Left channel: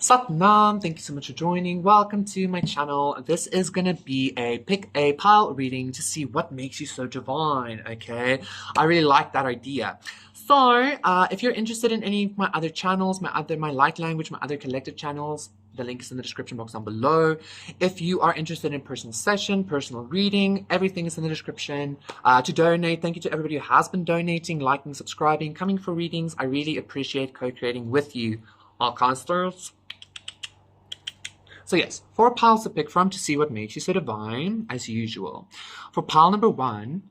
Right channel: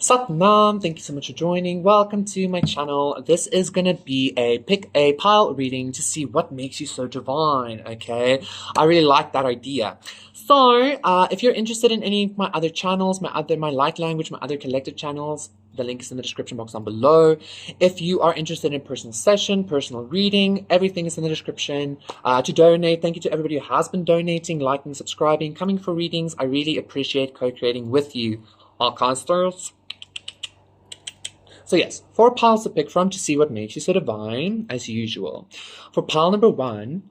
Satnam, thank you so much for joining. Welcome to my channel. This is gonna be a pick a pile reading to see what makes you so divine, okay? I really like that idea. So, if you're interested in any of my other channels, my light language, my other collective channels, the link is in the description box down below. If you are interested in personal session, personal reading, everything is in the description. To donate, thank you to everybody who has been donating, liking, subscribing, coming for readings. I really appreciate co-creating with you, Arcansters. So yes, 4 piles to pick from to see what makes you so divine, as usual. For pile number 1,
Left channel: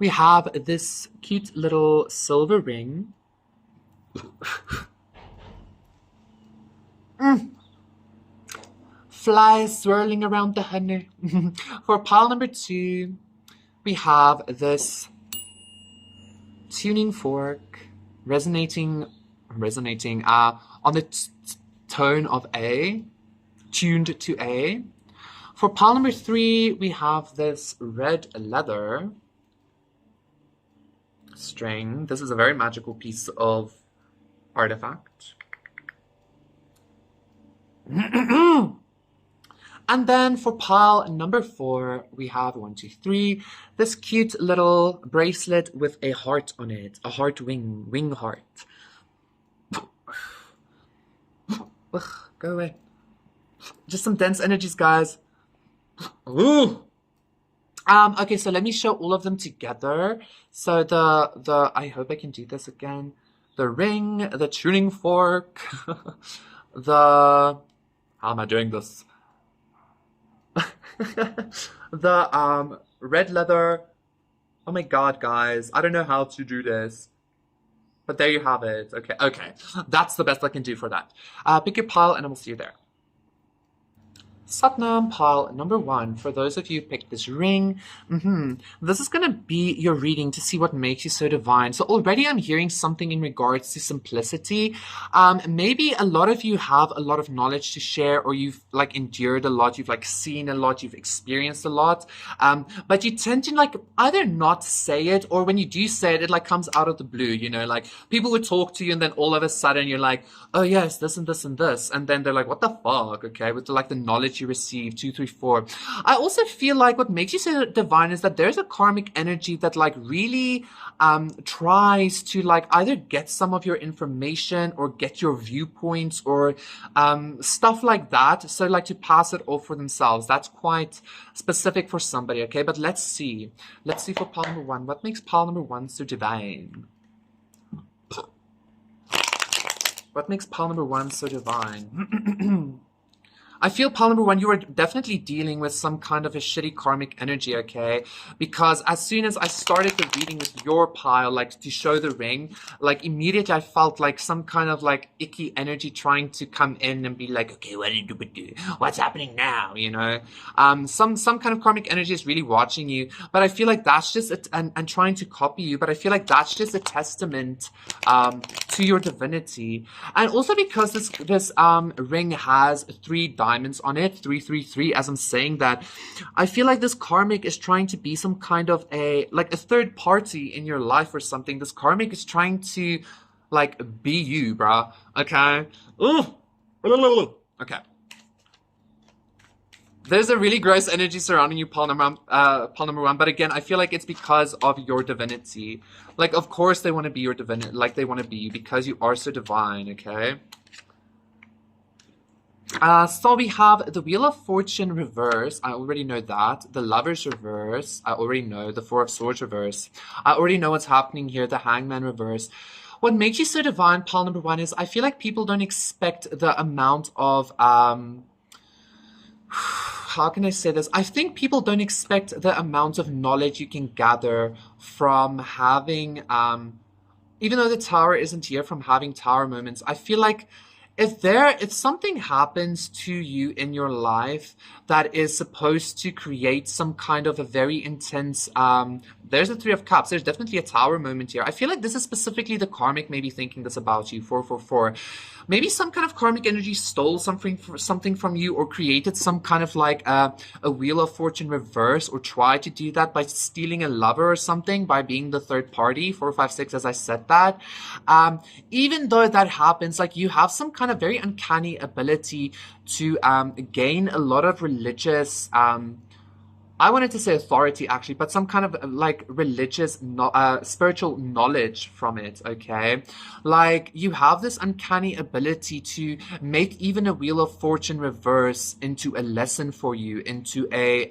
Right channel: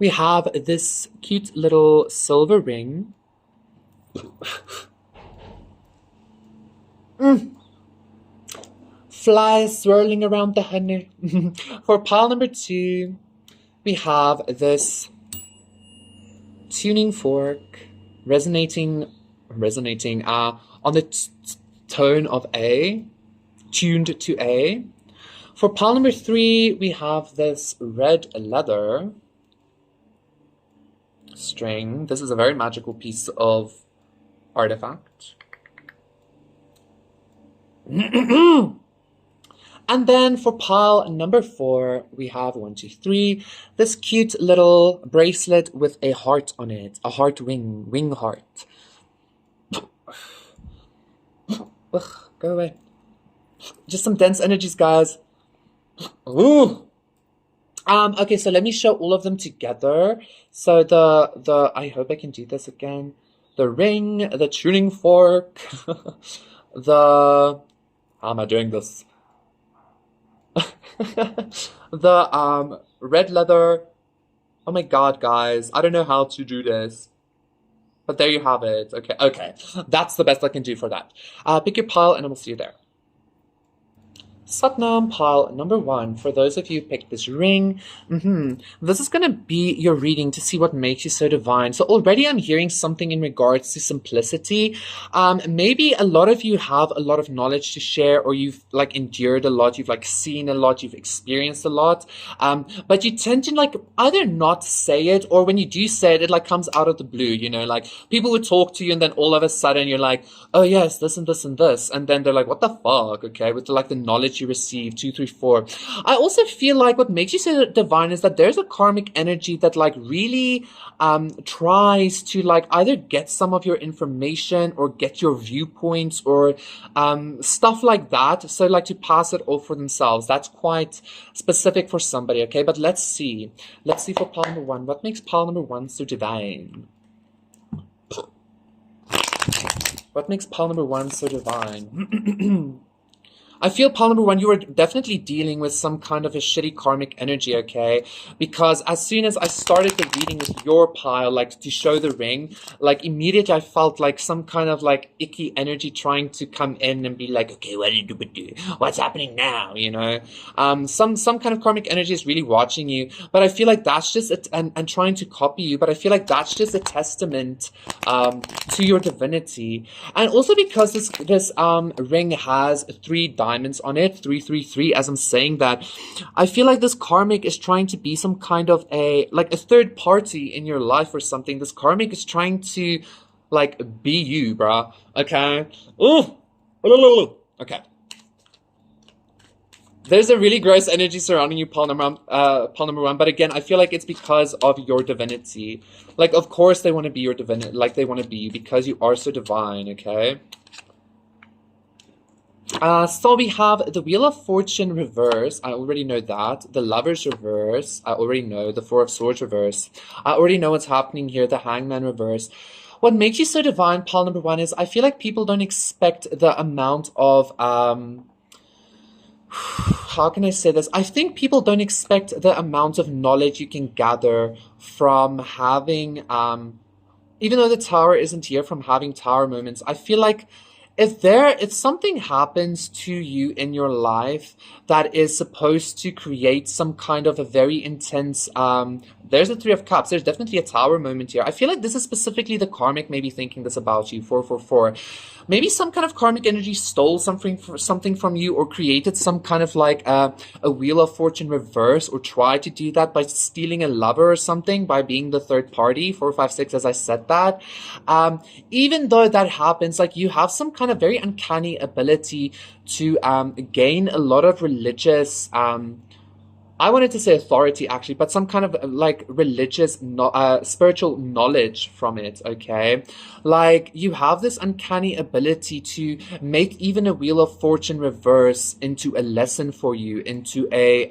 we have this cute little silver ring. Flies swirling around the honey. For pile number 2, we have this tuning fork resonating on the tone of A, tuned to A. For pile number 3, we have this red leather string. This is a very magical piece of artifact. And then for pile number 4, we have 1, 2, 3, this cute little bracelet with a heart on it, a heart wing heart. Ugh, go away. Just some dense energies, guys. Ooh. Okay, so let me show all of them together. So the I hope I can do this again. The ring, the tuning fork, how am I doing this? The red leather. Oh my god, guys, I don't know how to do this. But there you have it. Okay. That's the best I can do for that. Pick your pile and I will see you there. Satnam, pile number 1. For those of you who picked this ring, this is going to be your reading to see what makes you so divine. So already I'm hearing something in regards to simplicity. Maybe a lot of you have a lot of knowledge to share, or you've like endured a lot, you've like seen a lot, you've experienced a lot. But you tend to like either not say it, or when you do say it, it like comes out of the blue, you know, like people would talk to you and then all of a sudden you're like, oh yes, this and this and this. And then they're like, what the fuck? Okay. With like the knowledge you receive, 2, 3, 4. I also feel like what makes you so divine is that there's a karmic energy that like really tries to like either get some of your information or get your viewpoints or stuff like that. So like to pass it off for themselves. That's quite specific for somebody, okay? But let's see. Let's see for pile number 1. What makes pile number 1 so divine? What makes pile number 1 so divine? I feel pile number 1, you were definitely dealing with some kind of a shitty karmic energy, okay? Because as soon as I started the reading with your pile, like to show the ring, like immediately I felt like some kind of like icky energy trying to come in and be like, okay, what do you do? What's happening now? You know, some kind of karmic energy is really watching you, but I feel like that's just and trying to copy you. But I feel like that's just a testament to your divinity, and also because this ring has 3 diamonds on it, 333. As I'm saying that, I feel like this karmic is trying to be some kind of a third party in your life or something. This karmic is trying to like be you, bruh. Okay. Ooh. Okay. There's a really gross energy surrounding you, pile number 1. But again, I feel like it's because of your divinity. Like, of course they want to be your divinity. Like, they want to be you because you are so divine, okay? So we have the Wheel of Fortune reverse. I already know that. The Lovers reverse. I already know. The 4 of Swords reverse. I already know what's happening here. The Hangman reverse. What makes you so divine, pile number 1, is I feel like people don't expect the amount of how can I say this? I think people don't expect the amount of knowledge you can gather from having even though the Tower isn't here, from having Tower moments. I feel like if something happens to you in your life that is supposed to create some kind of a very intense there's the Three of Cups. There's definitely a Tower moment here. I feel like this is specifically the karmic maybe thinking this about you. 444. Maybe some kind of karmic energy stole something from you, or created some kind of like a Wheel of Fortune reverse, or tried to do that by stealing a lover or something, by being the third party. 456, as I said that. Even though that happens, like, you have some kind of very uncanny ability to gain a lot of religious I wanted to say authority actually, but some kind of like religious, spiritual knowledge from it, okay? Like, you have this uncanny ability to make even a Wheel of Fortune reverse into a lesson for you, into a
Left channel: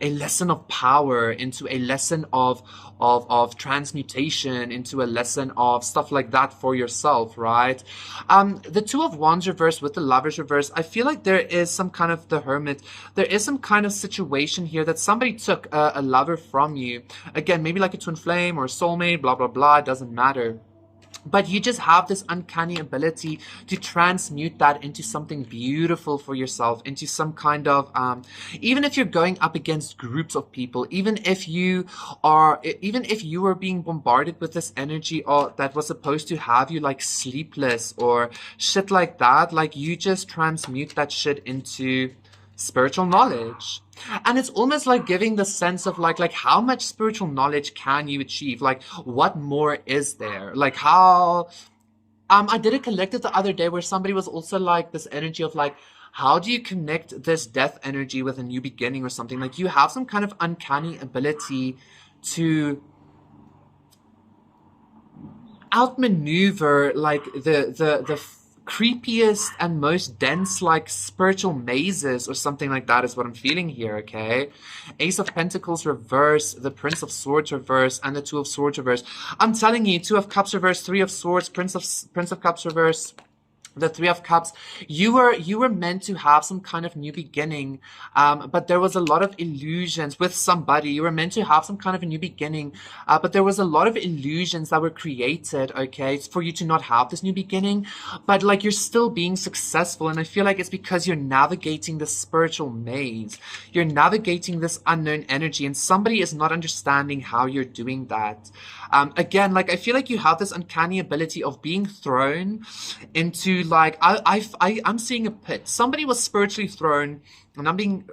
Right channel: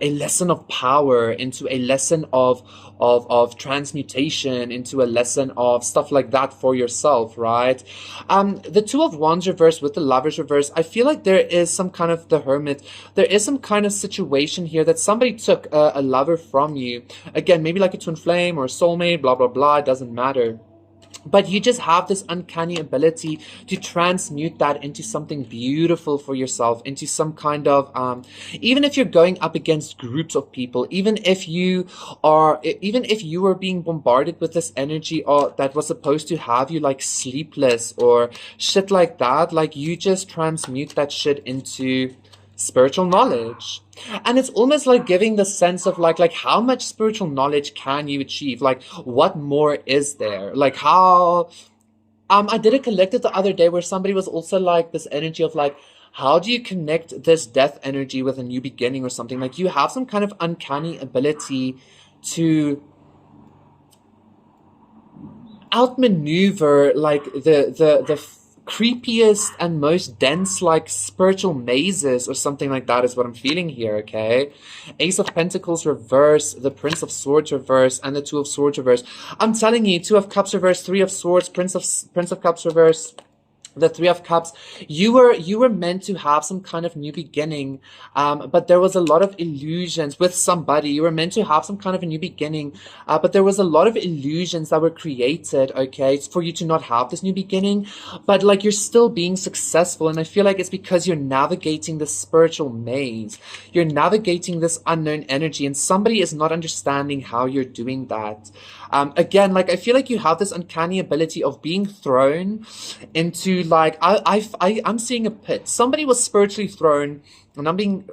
lesson of power, into a lesson of transmutation, into a lesson of stuff like that for yourself, right? The Two of Wands reverse with the Lovers reverse, I feel like there is some kind of the Hermit. There is some kind of situation here that somebody took a lover from you. Again, maybe like a twin flame or a soulmate, blah, blah, blah, it doesn't matter. But you just have this uncanny ability to transmute that into something beautiful for yourself, into some kind of, even if you're going up against groups of people, even if you were being bombarded with this energy, or that was supposed to have you like sleepless or shit like that, like, you just transmute that shit into spiritual knowledge. And it's almost like giving the sense of like how much spiritual knowledge can you achieve? Like, what more is there? Like, how I did a collective the other day where somebody was also like this energy of like, how do you connect this death energy with a new beginning or something? Like, you have some kind of uncanny ability to outmaneuver like the creepiest and most dense like spiritual mazes or something like that is what I'm feeling here, okay? Ace of Pentacles reverse, the Prince of Swords reverse, and the Two of Swords reverse. I'm telling you, Two of Cups reverse, Three of Swords, Prince of Cups reverse, the Three of Cups. You were meant to have some kind of new beginning, but there was a lot of illusions with somebody. You were meant to have some kind of a new beginning, but there was a lot of illusions that were created, okay, for you to not have this new beginning. But like, you're still being successful, and I feel like it's because you're navigating this spiritual maze. You're navigating this unknown energy, and somebody is not understanding how you're doing that. Again, like, I feel like you have this uncanny ability of being thrown into like, I'm seeing a pit. Somebody was spiritually thrown, and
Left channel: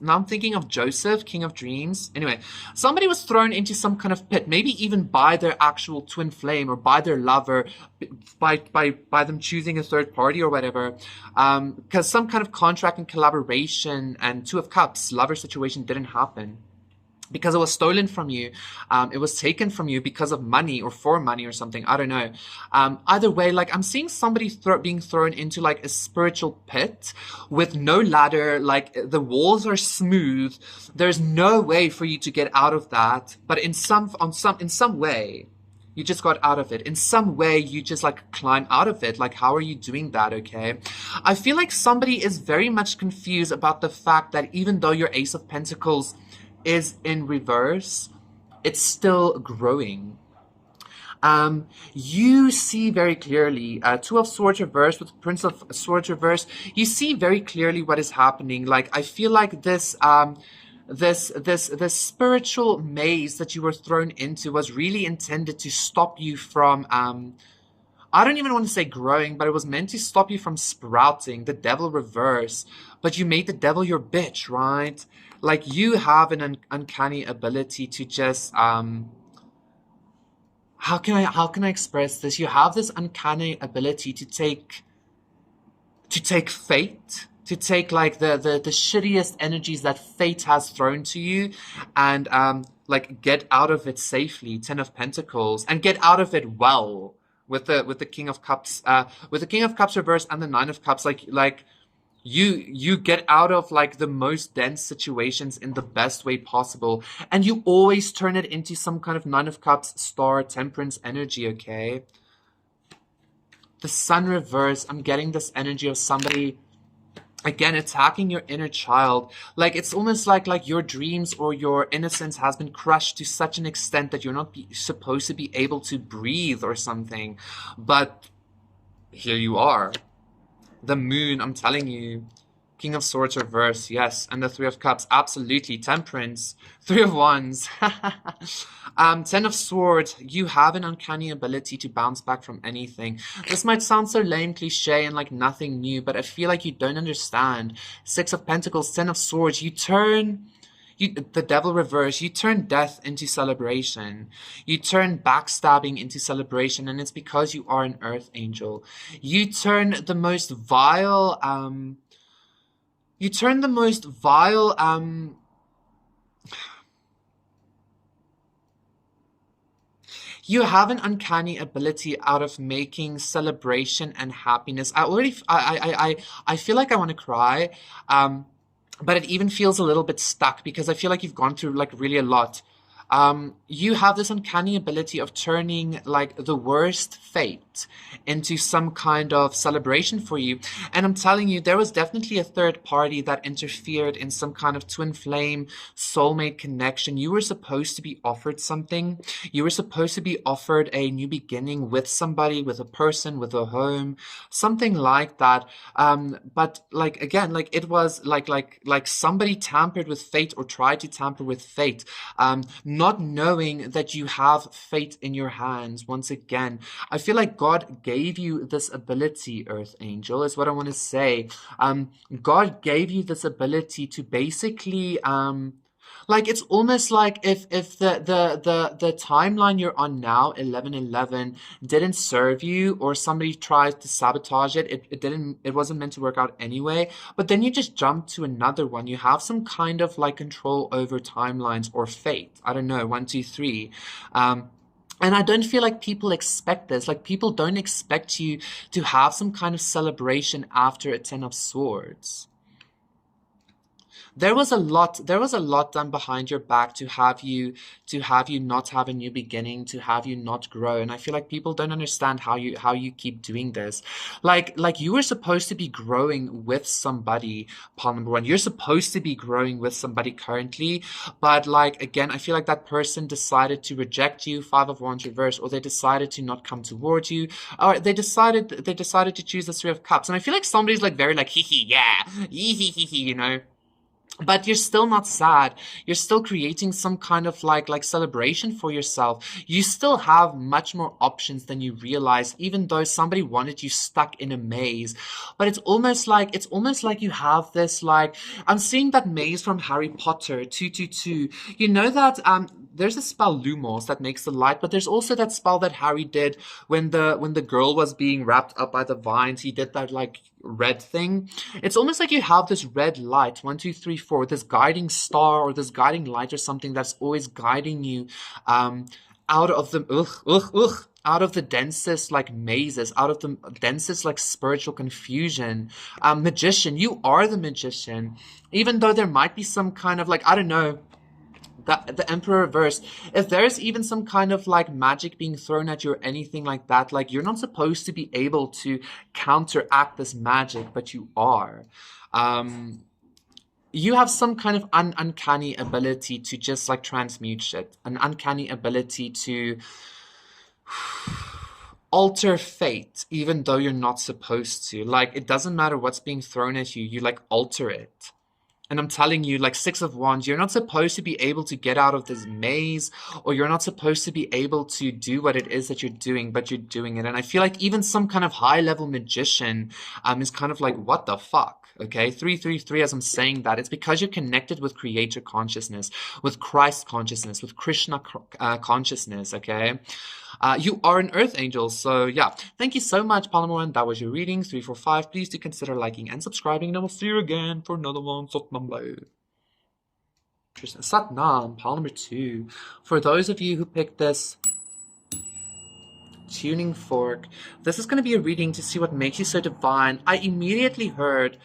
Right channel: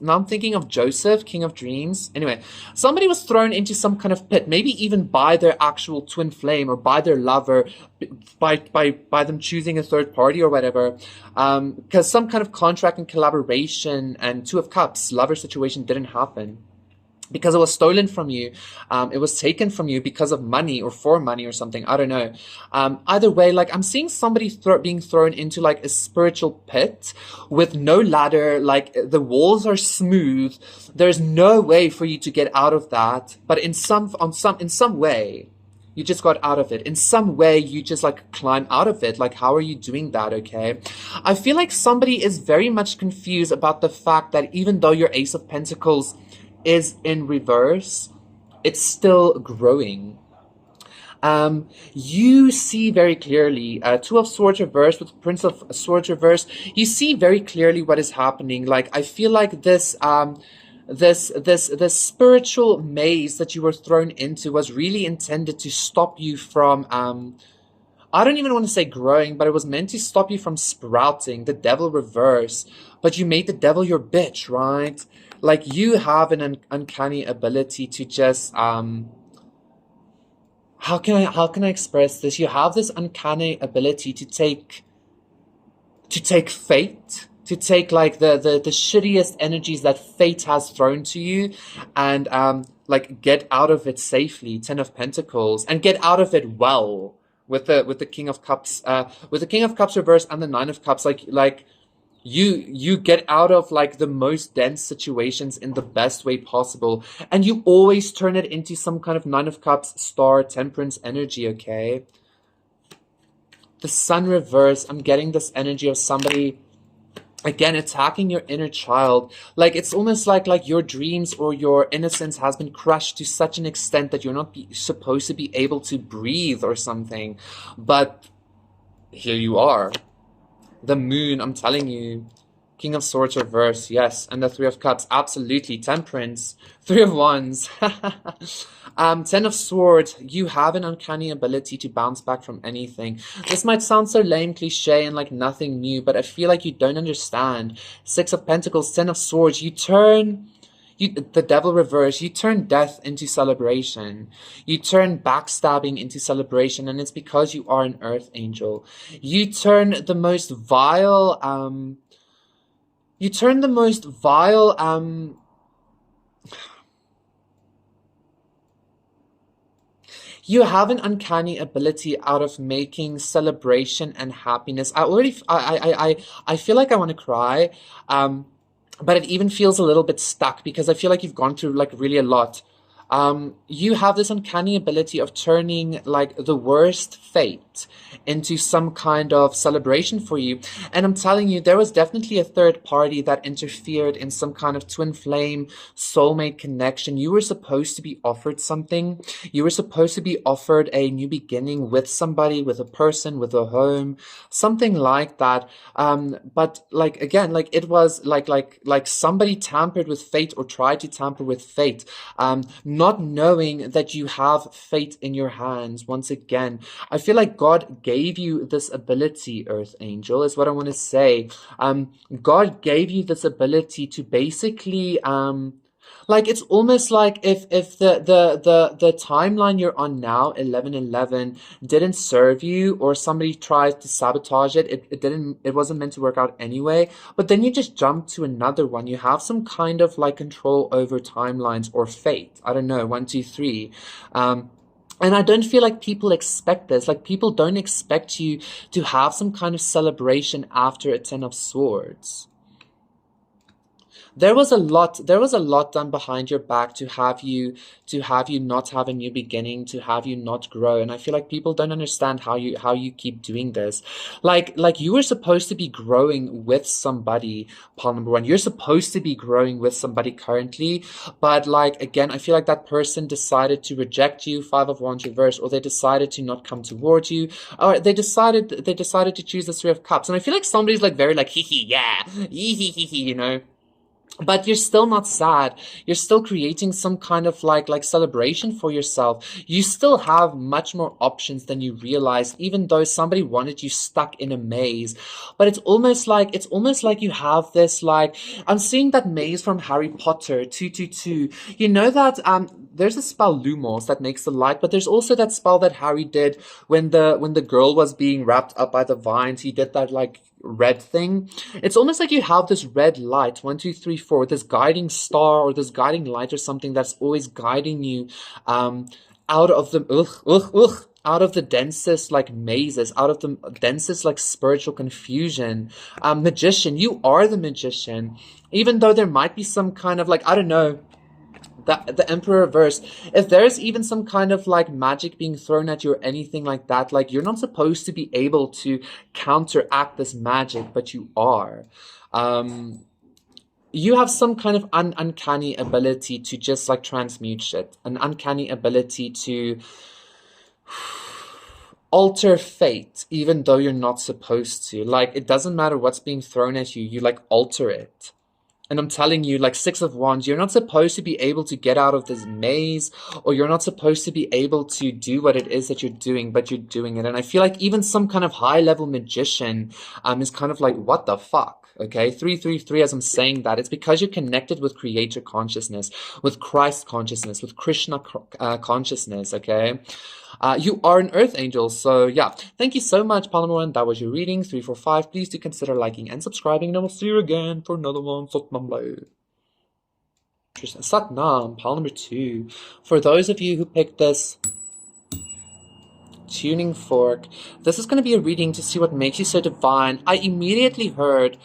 now I'm thinking of Joseph, King of Dreams. Anyway, somebody was thrown into some kind of pit, maybe even by their actual twin flame, or by their lover, by them choosing a third party or whatever, because some kind of contract and collaboration and Two of Cups lover situation didn't happen. Because it was stolen from you, it was taken from you because of money or for money or something. I don't know. Either way, like, I'm seeing somebody being thrown into like a spiritual pit with no ladder. Like, the walls are smooth. There's no way for you to get out of that. But in some way, you just got out of it. In some way, you just like climb out of it. Like, how are you doing that? Okay. I feel like somebody is very much confused about the fact that even though your Ace of Pentacles is in reverse, it's still growing. You see very clearly, Two of Swords reverse with Prince of Swords reverse, you see very clearly what is happening. Like, I feel like this spiritual maze that you were thrown into was really intended to stop you from I don't even want to say growing, but it was meant to stop you from sprouting. The Devil reverse, but you made the devil your bitch, right? Like, you have an uncanny ability to just how can I express this? You have this uncanny ability to take fate, to take like the shittiest energies that fate has thrown to you, and like, get out of it safely. 10 of Pentacles, and get out of it well with the King of Cups, with the King of Cups reverse and the Nine of Cups. Like you get out of like the most dense situations in the best way possible, and you always turn it into some kind of Nine of Cups, Star, Temperance energy, okay? The Sun reverse, I'm getting this energy of somebody again attacking your inner child. Like, it's almost like your dreams or your innocence has been crushed to such an extent that you're not supposed to be able to breathe or something, but here you are. The Moon, I'm telling you, King of Swords reverse, yes. And the Three of Cups, absolutely. Temperance. Three of Wands. Ten of Swords, you have an uncanny ability to bounce back from anything. This might sound so lame, cliche, and like nothing new, but I feel like you don't understand. Six of Pentacles, Ten of Swords, the devil reverse, you turn death into celebration. You turn backstabbing into celebration, and it's because you are an earth angel. You turn the most vile, you have an uncanny ability out of making celebration and happiness. I feel like I want to cry, but it even feels a little bit stuck because I feel like you've gone through like really a lot. You have this uncanny ability of turning like the worst fate into some kind of celebration for you. And I'm telling you, there was definitely a third party that interfered in some kind of twin flame soulmate connection. You were supposed to be offered something. You were supposed to be offered a new beginning with somebody, with a person, with a home, something like that. But like, again, like it was like somebody tampered with fate or tried to tamper with fate. Not knowing that you have fate in your hands. Once again, I feel like God gave you this ability, Earth Angel, is what I want to say. God gave you this ability to basically, like it's almost like if the timeline you're on now, 1111, didn't serve you, or somebody tries to sabotage it, it wasn't meant to work out anyway, but then you just jump to another one. You have some kind of like control over timelines or fate. I don't know, 1, 2, 3. And I don't feel like people expect this. Like people don't expect you to have some kind of celebration after a Ten of Swords. There was a lot done behind your back to have you not have a new beginning, to have you not grow. And I feel like people don't understand how you keep doing this. Like you were supposed to be growing with somebody, pawn number 1. You're supposed to be growing with somebody currently, but like again, I feel like that person decided to reject you, Five of Wands reverse, or they decided to not come towards you, or they decided to choose the Three of Cups. And I feel like somebody's like very like hee hee, yeah, hee hee hee hee, you know. But you're still not sad. You're still creating some kind of like celebration for yourself. You still have much more options than you realize, even though somebody wanted you stuck in a maze. But it's almost like you have this, like, I'm seeing that maze from Harry Potter 222. You know that there's a spell Lumos that makes the light, but there's also that spell that Harry did when the girl was being wrapped up by the vines. He did that like red thing. It's almost like you have this red light, 1, 2, 3, 4, this guiding star or this guiding light or something that's always guiding you out of the out of the densest like mazes, out of the densest like spiritual confusion. Magician, you are the magician, even though there might be some kind of like, I don't know, the Emperor reverse, if there's even some kind of like magic being thrown at you or anything like that, like you're not supposed to be able to counteract this magic, but you are. You have some kind of uncanny ability to just like transmute shit, an uncanny ability to alter fate even though you're not supposed to. Like it doesn't matter what's being thrown at you, you like alter it. And I'm telling you, like Six of Wands, you're not supposed to be able to get out of this maze, or you're not supposed to be able to do what it is that you're doing, but you're doing it. And I feel like even some kind of high-level magician is kind of like, what the fuck? Okay, 333, as I'm saying that, it's because you're connected with creator consciousness, with Christ consciousness, with Krishna consciousness, okay? You are an earth angel, so yeah. Thank you so much, Palmer. That was your reading. 345. Please do consider liking and subscribing, and I will see you again for another one. Satnam, Pal number 2. For those of you who picked this tuning fork, this is going to be a reading to see what makes you so divine. I immediately heard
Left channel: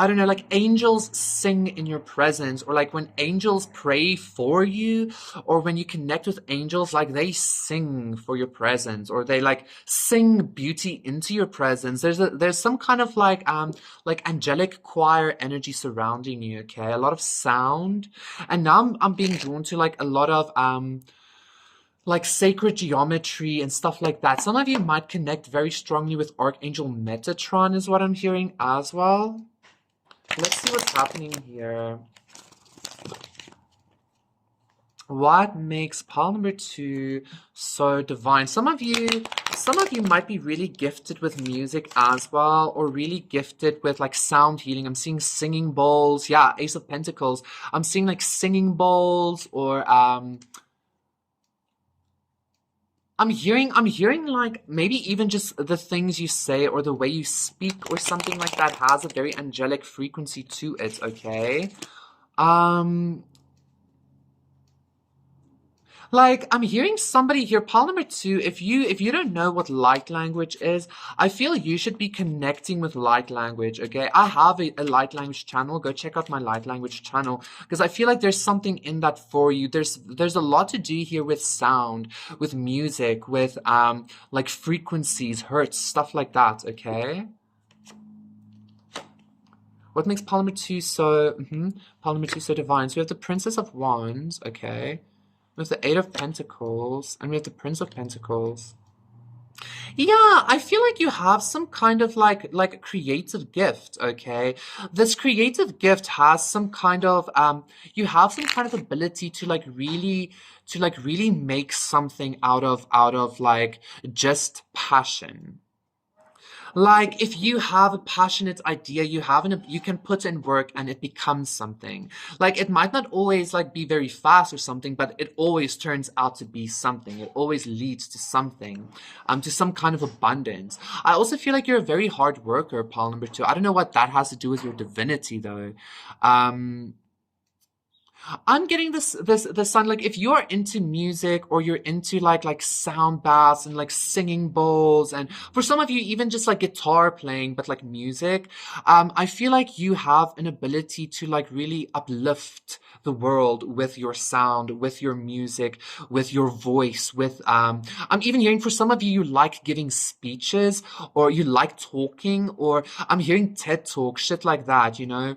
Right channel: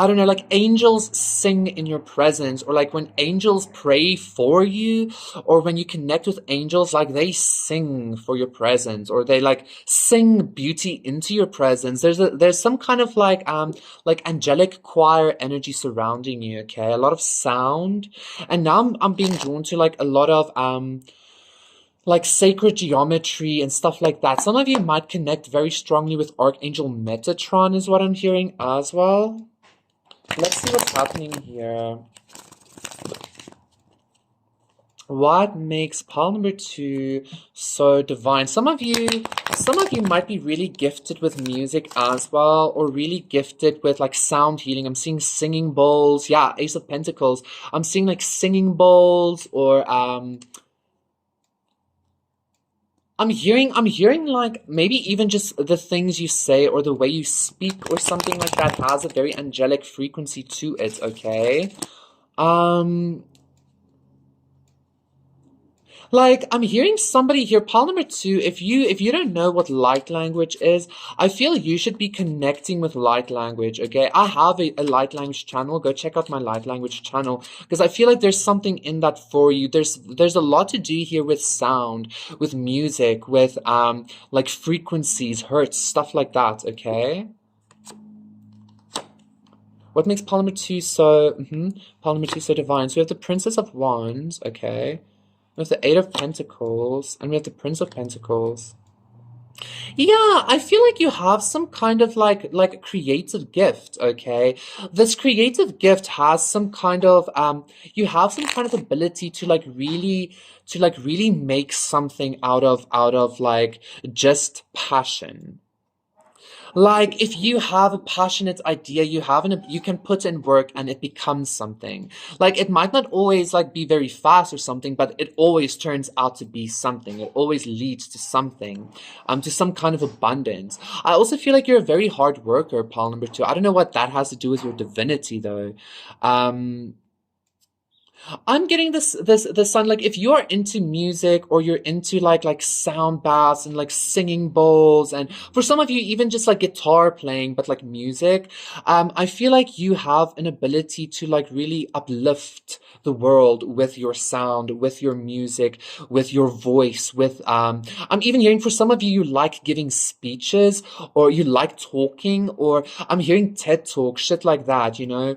I don't know, like angels sing in your presence, or like when angels pray for you, or when you connect with angels, like they sing for your presence, or they like sing beauty into your presence. There's some kind of like angelic choir energy surrounding you, okay? A lot of sound. And now I'm being drawn to like a lot of like sacred geometry and stuff like that. Some of you might connect very strongly with Archangel Metatron is what I'm hearing as well. Let's see what's happening here. What makes pile number 2 so divine? Some of you might be really gifted with music as well, or really gifted with like sound healing. I'm seeing singing bowls. Yeah, Ace of Pentacles. I'm seeing like singing bowls, or I'm hearing like maybe even just the things you say or the way you speak or something like that has a very angelic frequency to it, okay? Like I'm hearing somebody here, pile number 2, if you don't know what light language is, I feel you should be connecting with light language, okay? I have a light language channel. Go check out my light language channel because I feel like there's something in that for you. There's a lot to do here with sound, with music, with like frequencies, hertz, stuff like that, okay? What makes pile number 2 so pile number 2 so divine? So we have the Princess of Wands, okay? We have the Eight of Pentacles, and we have the Prince of Pentacles. Yeah, I feel like you have some kind of like creative gift, okay? This creative gift has some kind of you have some kind of ability to really make something out of like just passion. Like if you have a passionate idea, you can put in work and it becomes something. Like it might not always like be very fast or something, but it always turns out to be something. It always leads to something, to some kind of abundance. I also feel like you're a very hard worker, pile number 2. I don't know what that has to do with your divinity though. I'm getting this sound like if you're into music or you're into like sound baths and like singing bowls, and for some of you even just like guitar playing but like music, I feel like you have an ability to like really uplift the world with your sound, with your music, with your voice, with I'm even hearing for some of you, you like giving speeches or you like talking, or I'm hearing TED Talk, shit like that, you know.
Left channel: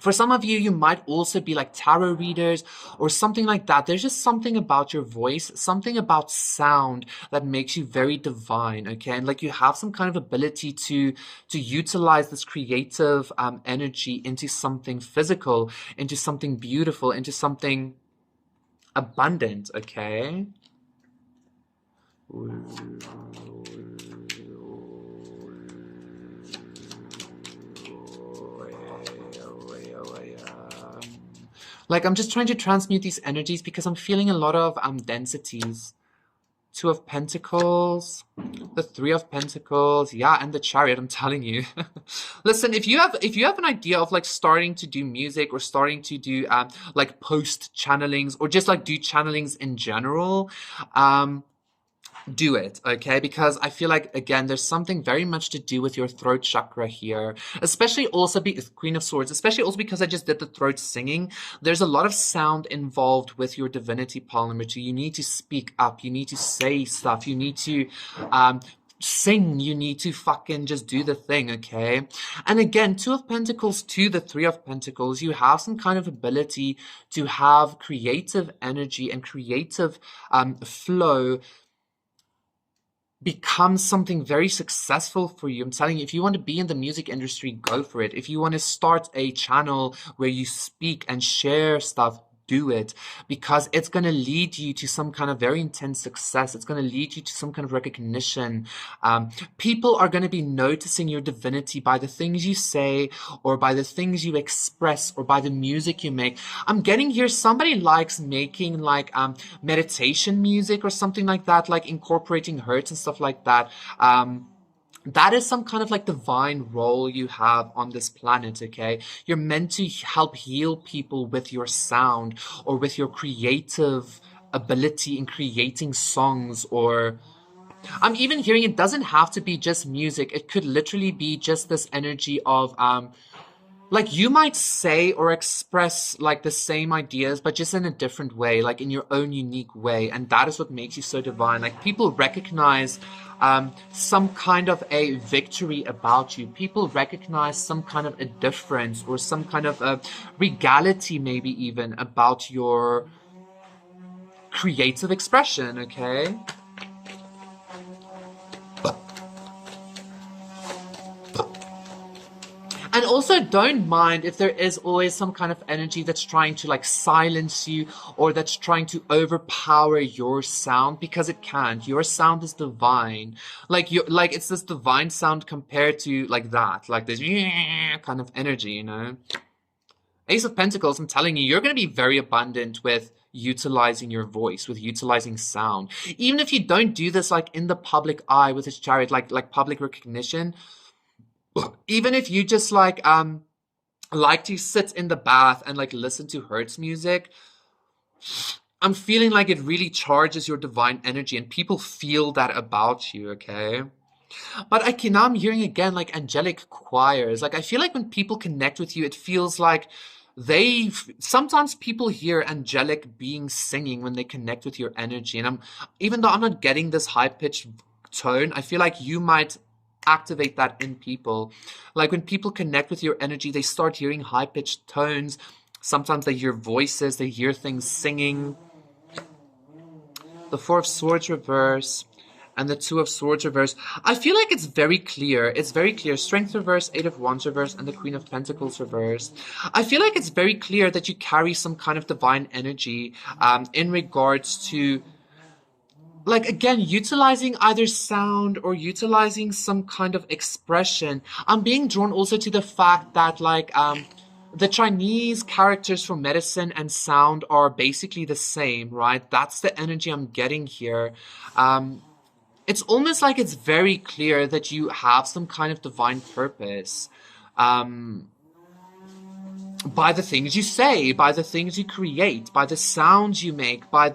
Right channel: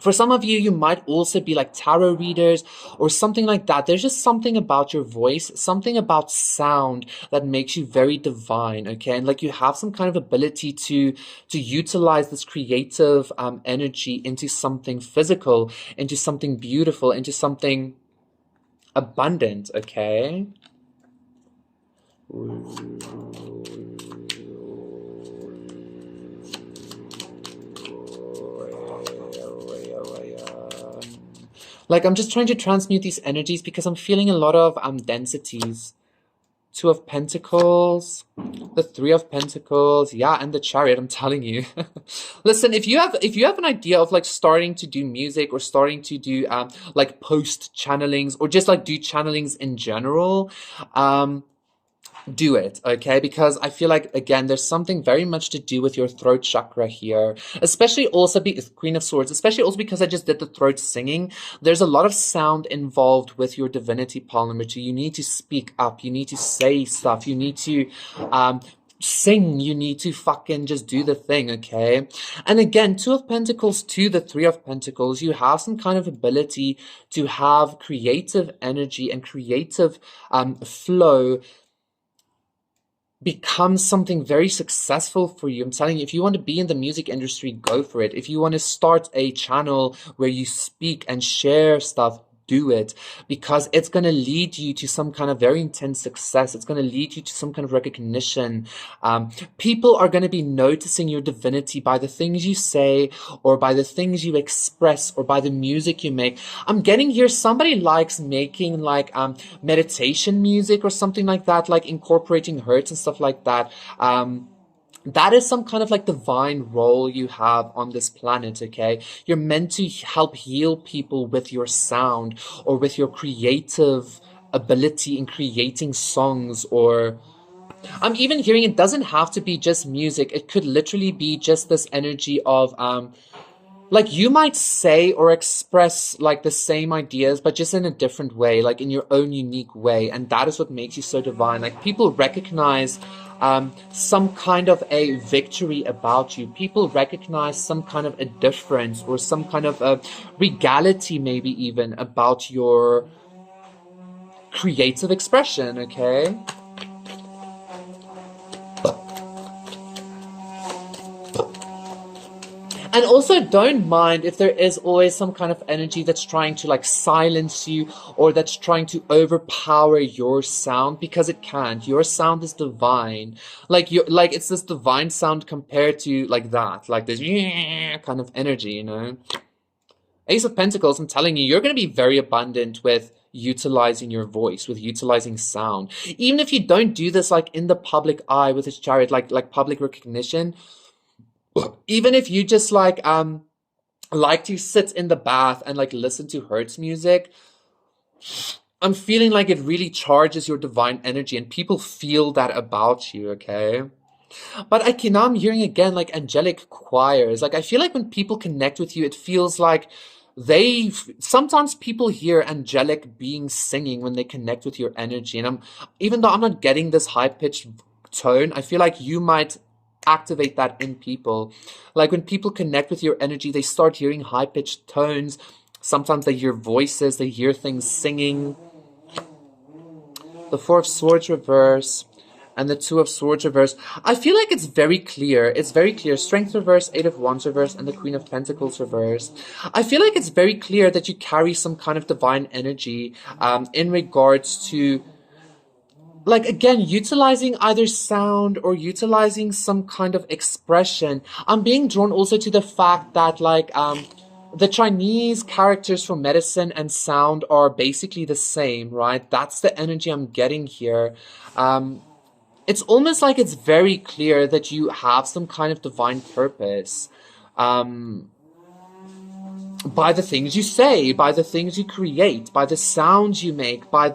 For some of you, you might also be like tarot readers or something like that. There's just something about your voice, something about sound that makes you very divine, okay? And like you have some kind of ability to utilize this creative energy into something physical, into something beautiful, into something abundant, okay? Like I'm just trying to transmute these energies because I'm feeling a lot of densities. Two of Pentacles, the Three of Pentacles, yeah, and the Chariot. I'm telling you. Listen, if you have an idea of like starting to do music or starting to do like post channelings or just like do channelings in general, do it, okay? Because I feel like, again, there's something very much to do with your throat chakra here, especially also Queen of Swords, especially also because I just did the throat singing. There's a lot of sound involved with your divinity, pile number 2. You need to speak up. You need to say stuff. You need to sing. You need to fucking just do the thing, okay? And again, Two of Pentacles to the Three of Pentacles, you have some kind of ability to have creative energy and creative flow becomes something very successful for you. I'm telling you, if you want to be in the music industry, go for it. If you want to start a channel where you speak and share stuff, do it, because it's going to lead you to some kind of very intense success. It's going to lead you to some kind of recognition. People are going to be noticing your divinity by the things you say or by the things you express or by the music you make. I'm getting here somebody likes making like meditation music or something like that, like incorporating hertz and stuff like that. That is some kind of like divine role you have on this planet, okay? You're meant to help heal people with your sound or with your creative ability in creating songs, or I'm even hearing it doesn't have to be just music. It could literally be just this energy of like you might say or express like the same ideas but just in a different way, like in your own unique way, and that is what makes you so divine. Like people recognize some kind of a victory about you. People recognize some kind of a difference or some kind of a regality, maybe even about your creative expression, okay? And also don't mind if there is always some kind of energy that's trying to like silence you or that's trying to overpower your sound, because it can't. Your sound is divine. Like you like it's this divine sound compared to like that, like this kind of energy, you know. Ace of Pentacles, I'm telling you, you're going to be very abundant with utilizing your voice, with utilizing sound. Even if you don't do this like in the public eye with this chariot, like public recognition, even if you just like to sit in the bath and like listen to Hertz music, I'm feeling like it really charges your divine energy and people feel that about you, okay? But now I'm hearing again like angelic choirs. Like I feel like when people connect with you, it feels like sometimes people hear angelic beings singing when they connect with your energy. And even though I'm not getting this high pitched tone, I feel like you might activate that in people. Like when people connect with your energy, they start hearing high pitched tones. Sometimes they hear voices, they hear things singing. The Four of Swords reverse and the Two of Swords reverse. I feel like it's very clear. It's very clear. Strength reverse, Eight of Wands reverse, and the Queen of Pentacles reverse. I feel like it's very clear that you carry some kind of divine energy in regards to, like, again, utilizing either sound or utilizing some kind of expression. I'm being drawn also to the fact that, like, the Chinese characters for medicine and sound are basically the same, right? That's the energy I'm getting here. It's almost like it's very clear that you have some kind of divine purpose by the things you say, by the things you create, by the sounds you make, by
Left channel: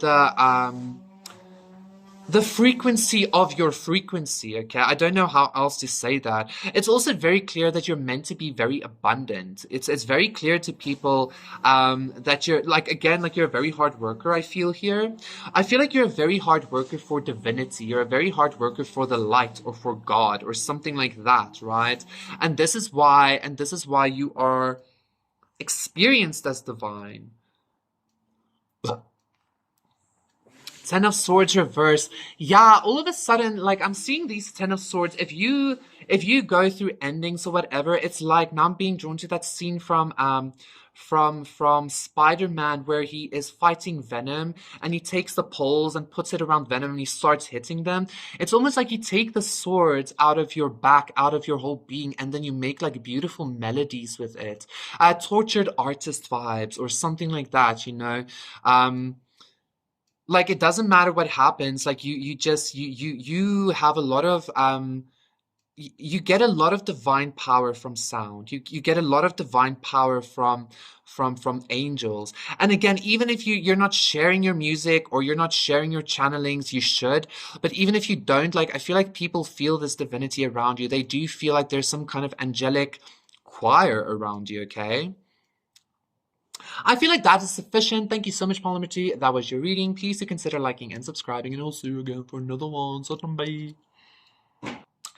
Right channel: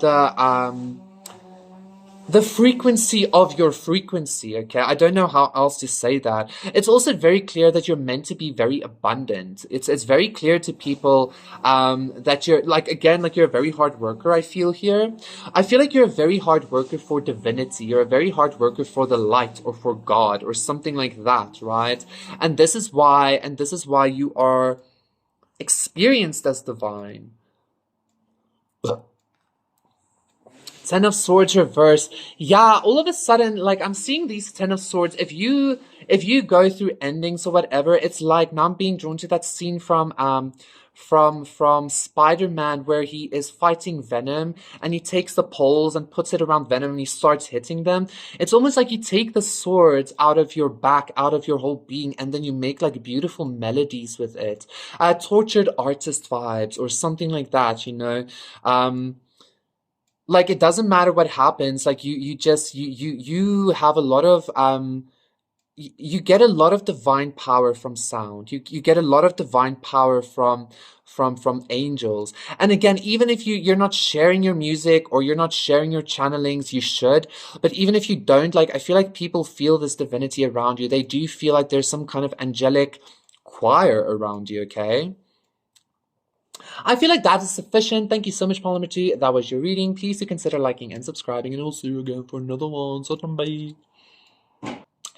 the frequency of your frequency, okay? I don't know how else to say that. It's also very clear that you're meant to be very abundant. It's very clear to people that you're, like, again, like you're a very hard worker, I feel here. I feel like you're a very hard worker for divinity. You're a very hard worker for the light or for God or something like that, right? And this is why you are experienced as divine. Ten of Swords reverse. Yeah, all of a sudden, like, I'm seeing these Ten of Swords. If you go through endings or whatever, it's like, now I'm being drawn to that scene from Spider-Man where he is fighting Venom and he takes the poles and puts it around Venom and he starts hitting them. It's almost like you take the swords out of your back, out of your whole being, and then you make like beautiful melodies with it. Tortured artist vibes or something like that, you know? Like, it doesn't matter what happens, like you have a lot of you get a lot of divine power from sound. You get a lot of divine power from angels. And again, even if you're not sharing your music or you're not sharing your channelings, you should. But even if you don't, like, I feel like people feel this divinity around you. They do feel like there's some kind of angelic choir around you, okay? I feel like that is sufficient. Thank you so much, Polymer 2. That was your reading. Please do consider liking and subscribing, and I'll see you again for another one. Satnam, bye.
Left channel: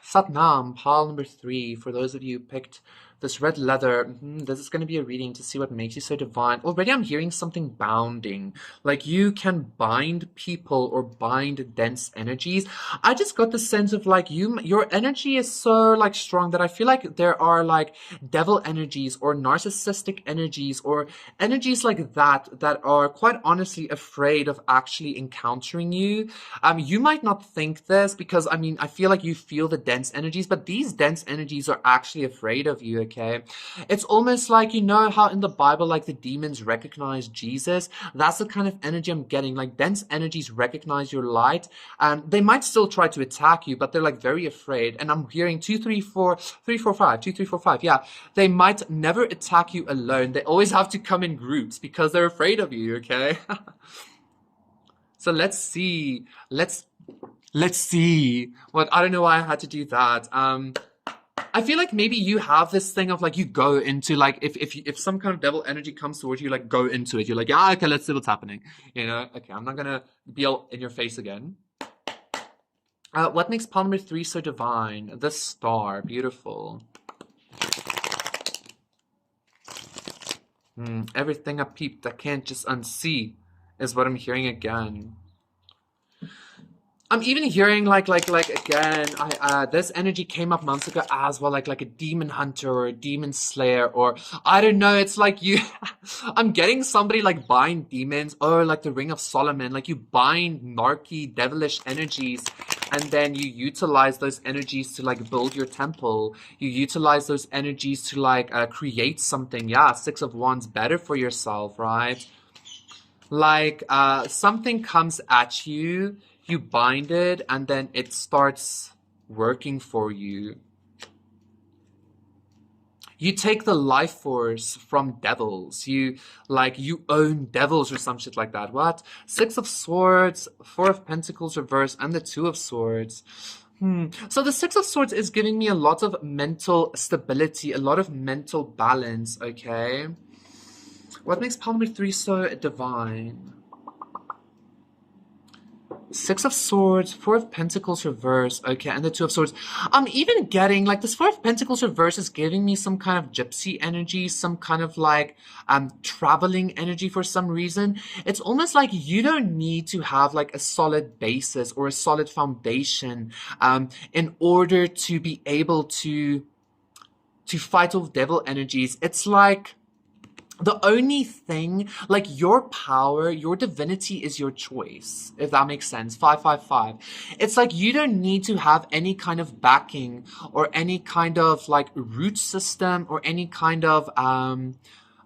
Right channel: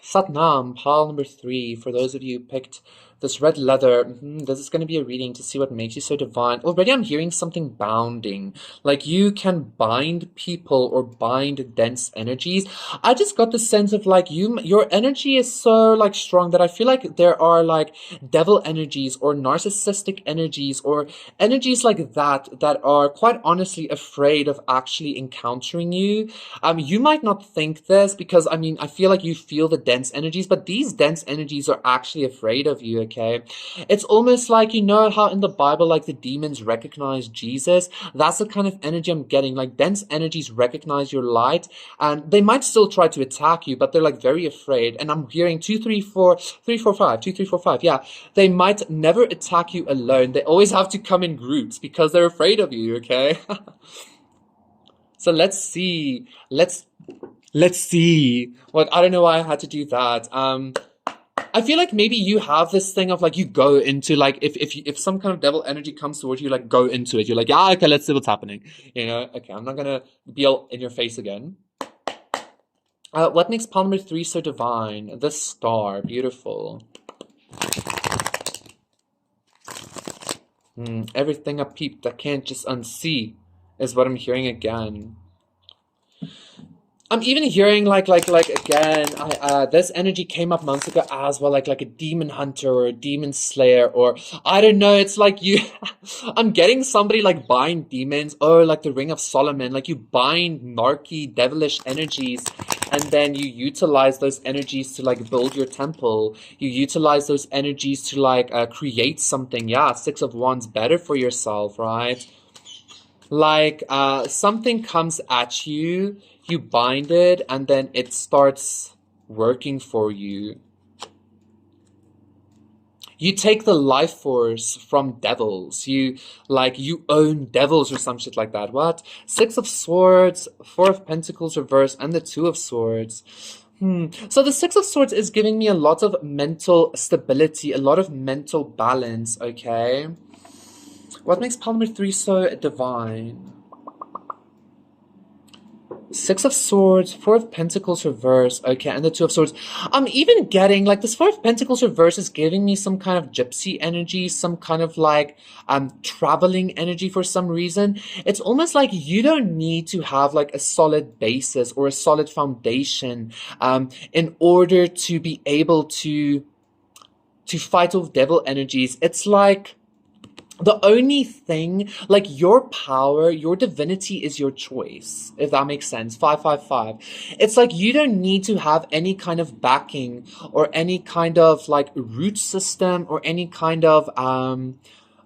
Satnam, pile number 3. For those of you who picked this red leather, this is going to be a reading to see what makes you so divine. Already I'm hearing something bounding. Like you can bind people or bind dense energies. I just got the sense of like your energy is so like strong that I feel like there are like devil energies or narcissistic energies or energies like that are quite honestly afraid of actually encountering you. You might not think this because, I mean, I feel like you feel the dense energies, but these dense energies are actually afraid of you, okay? It's almost like, you know how in the Bible, like the demons recognize Jesus? That's the kind of energy I'm getting. Like dense energies recognize your light and they might still try to attack you, but they're like very afraid. And I'm hearing 2, 3, 4, 3, 4, 5, 2, 3, 4, 5. Yeah, they might never attack you alone. They always have to come in groups because they're afraid of you, okay? So let's see. Let's see. Well, I don't know why I had to do that. I feel like maybe you have this thing of like you go into like if some kind of devil energy comes towards you, like go into it. You're like, yeah, okay, let's see what's happening. You know, okay, I'm not gonna be all in your face again. What makes Palmer 3 so divine? The star, beautiful. Everything I peeped, I can't just unsee, is what I'm hearing again. I'm even hearing like again. This energy came up months ago as well, like a demon hunter or a demon slayer, or I don't know. It's like you. I'm getting somebody like bind demons, or like the Ring of Solomon. Like you bind narky, devilish energies, and then you utilize those energies to like build your temple. You utilize those energies to like create something. Yeah, Six of Wands, better for yourself, right? Like something comes at you, you bind it, and then it starts working for you. You take the life force from devils. You own devils or some shit like that. What? Six of Swords, Four of Pentacles reverse, and the Two of Swords. So the Six of Swords is giving me a lot of mental stability, a lot of mental balance, okay? What makes pile number 3 so divine? Six of Swords, Four of Pentacles reverse, okay, and the Two of Swords. I'm even getting, like, this Four of Pentacles reverse is giving me some kind of gypsy energy, some kind of, like, traveling energy for some reason. It's almost like you don't need to have, like, a solid basis or a solid foundation in order to be able to fight off devil energies. It's like the only thing, like your power, your divinity is your choice, if that makes sense. 555. It's like you don't need to have any kind of backing or any kind of like root system or any kind of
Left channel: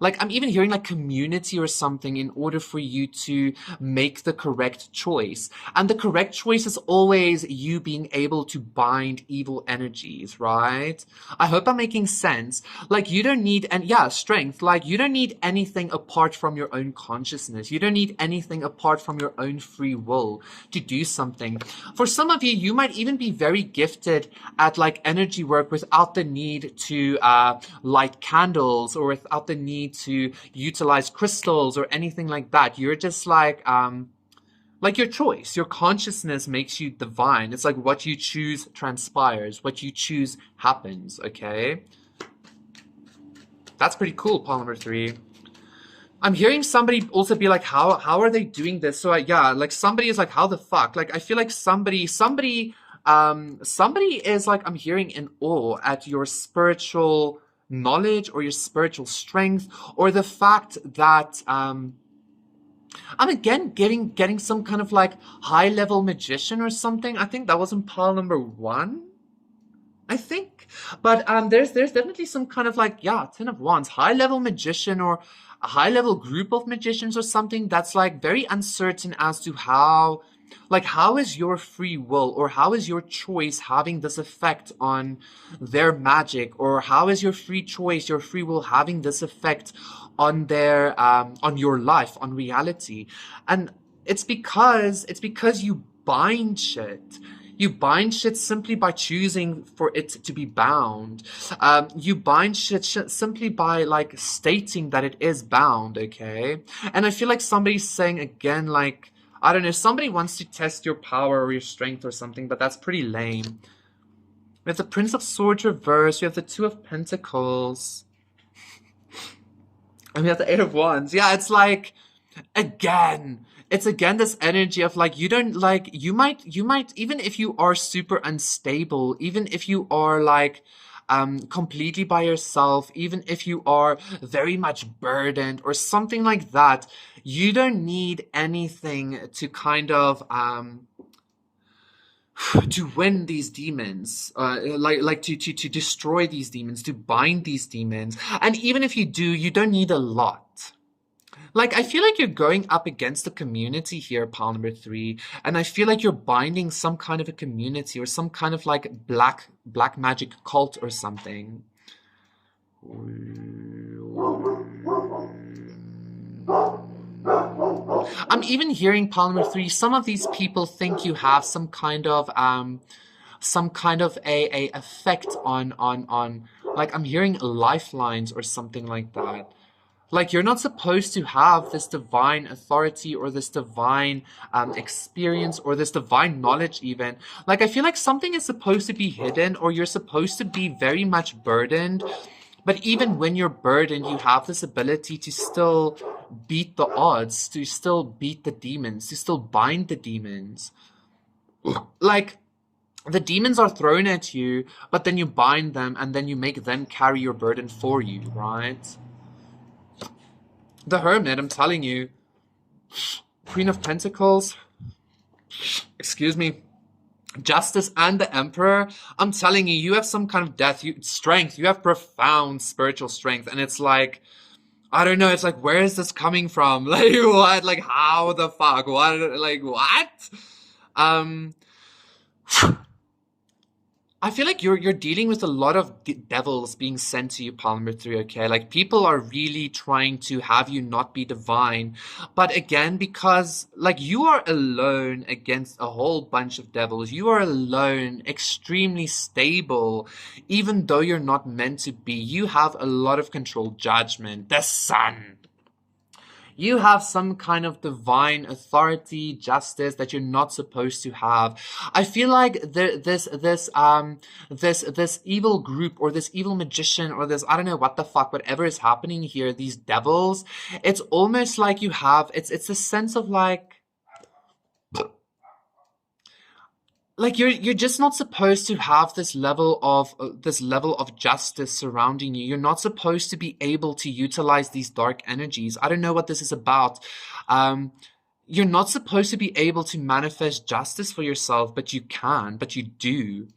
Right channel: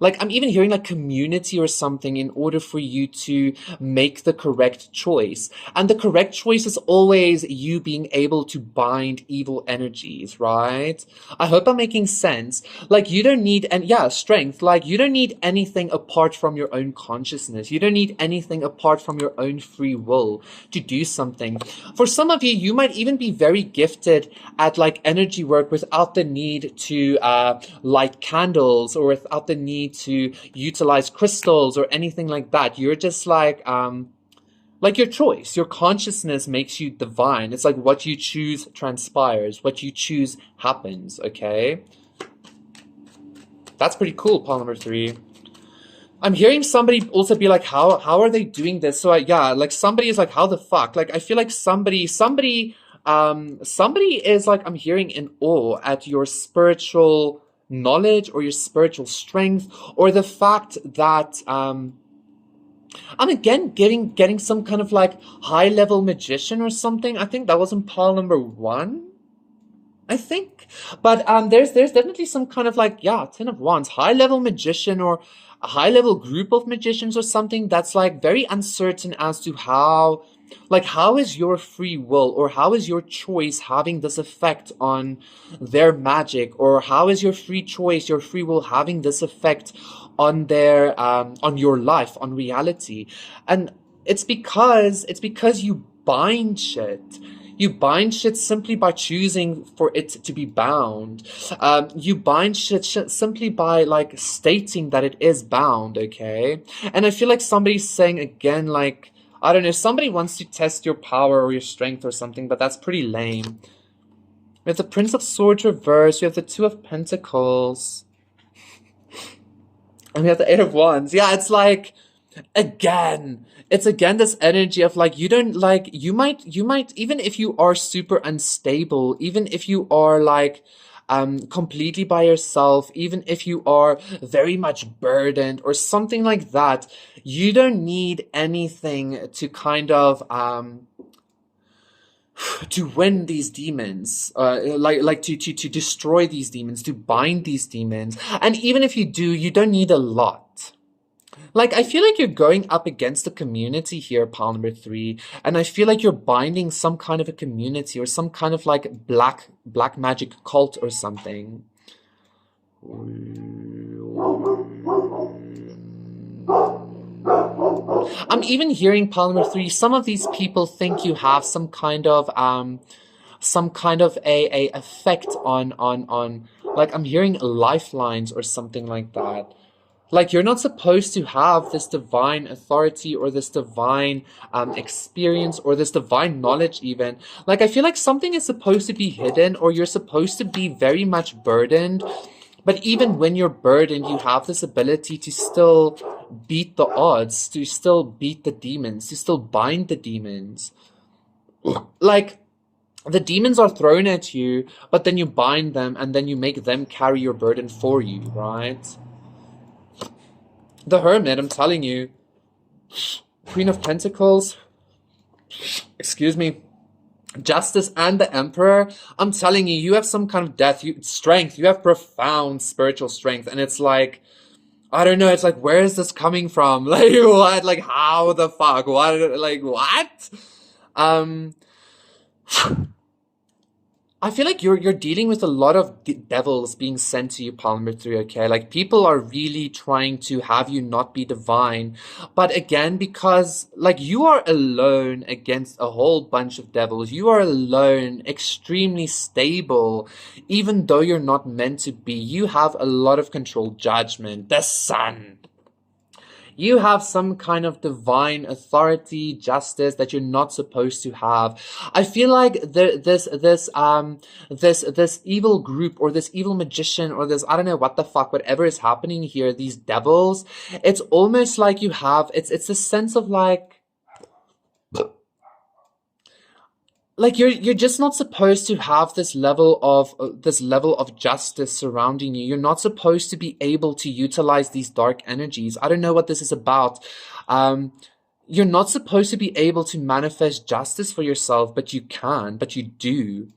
like I'm even hearing like community or something in order for you to make the correct choice. And the correct choice is always you being able to bind evil energies, right? I hope I'm making sense. Like you don't need, and yeah, strength. Like you don't need anything apart from your own consciousness. You don't need anything apart from your own free will to do something. For some of you, you might even be very gifted at like energy work without the need to light candles or without the need to utilize crystals or anything like that. You're just like your choice, your consciousness makes you divine. It's like what you choose transpires, what you choose happens, okay? That's pretty cool, pile number 3. I'm hearing somebody also be like, how are they doing this? So yeah, like somebody is like, how the fuck? Like I feel like somebody is like, I'm hearing in awe at your spiritual knowledge or your spiritual strength or the fact that I'm again getting some kind of like high level magician or something. I think that was in pile number 1. I think. But there's definitely some kind of like, yeah, Ten of Wands, high level magician or a high level group of magicians or something that's like very uncertain as to how is your free will or how is your choice having this effect on their magic, or how is your free choice, your free will having this effect on their on your life, on reality. And it's because you bind shit. You bind shit simply by choosing for it to be bound. You bind shit simply by like stating that it is bound, okay? And I feel like somebody's saying again, like, I don't know, somebody wants to test your power or your strength or something, but that's pretty lame. We have the Prince of Swords reversed. We have the Two of Pentacles. And we have the Eight of Wands. Yeah, it's like, again, it's again this energy of like, you don't like, you might, even if you are super unstable, even if you are like, completely by yourself, even if you are very much burdened or something like that, you don't need anything to kind of, to win these demons, to destroy these demons, to bind these demons. And even if you do, you don't need a lot. Like, I feel like you're going up against a community here, pile number 3, and I feel like you're binding some kind of a community or some kind of like black magic cult or something. I'm even hearing pile number 3. Some of these people think you have some kind of a effect on like I'm hearing lifelines or something like that. Like you're not supposed to have this divine authority or this divine experience or this divine knowledge even. Like I feel like something is supposed to be hidden or you're supposed to be very much burdened. But even when you're burdened, you have this ability to still beat the odds, to still beat the demons, to still bind the demons. Like, the demons are thrown at you, but then you bind them and then you make them carry your burden for you, right? The Hermit, I'm telling you, Queen of Pentacles, excuse me, Justice and the Emperor, I'm telling you, you have some kind of strength. You have profound spiritual strength. And it's like, I don't know, it's like, where is this coming from? Like, what? Like, how the fuck? What? Like, what? Um, I feel like you're dealing with a lot of devils being sent to you, Palm number 3, okay? Like, people are really trying to have you not be divine. But again, because, like, you are alone against a whole bunch of devils. You are alone, extremely stable, even though you're not meant to be. You have a lot of control, judgment, the sun. You have some kind of divine authority, justice that you're not supposed to have. I feel like this evil group or this evil magician or this, I don't know what the fuck, whatever is happening here, these devils, it's almost like you have, it's a sense of like you're just not supposed to have this level of justice surrounding you. You're not supposed to be able to utilize these dark energies. I don't know what this is about. You're not supposed to be able to manifest justice for yourself, but you can, but you do.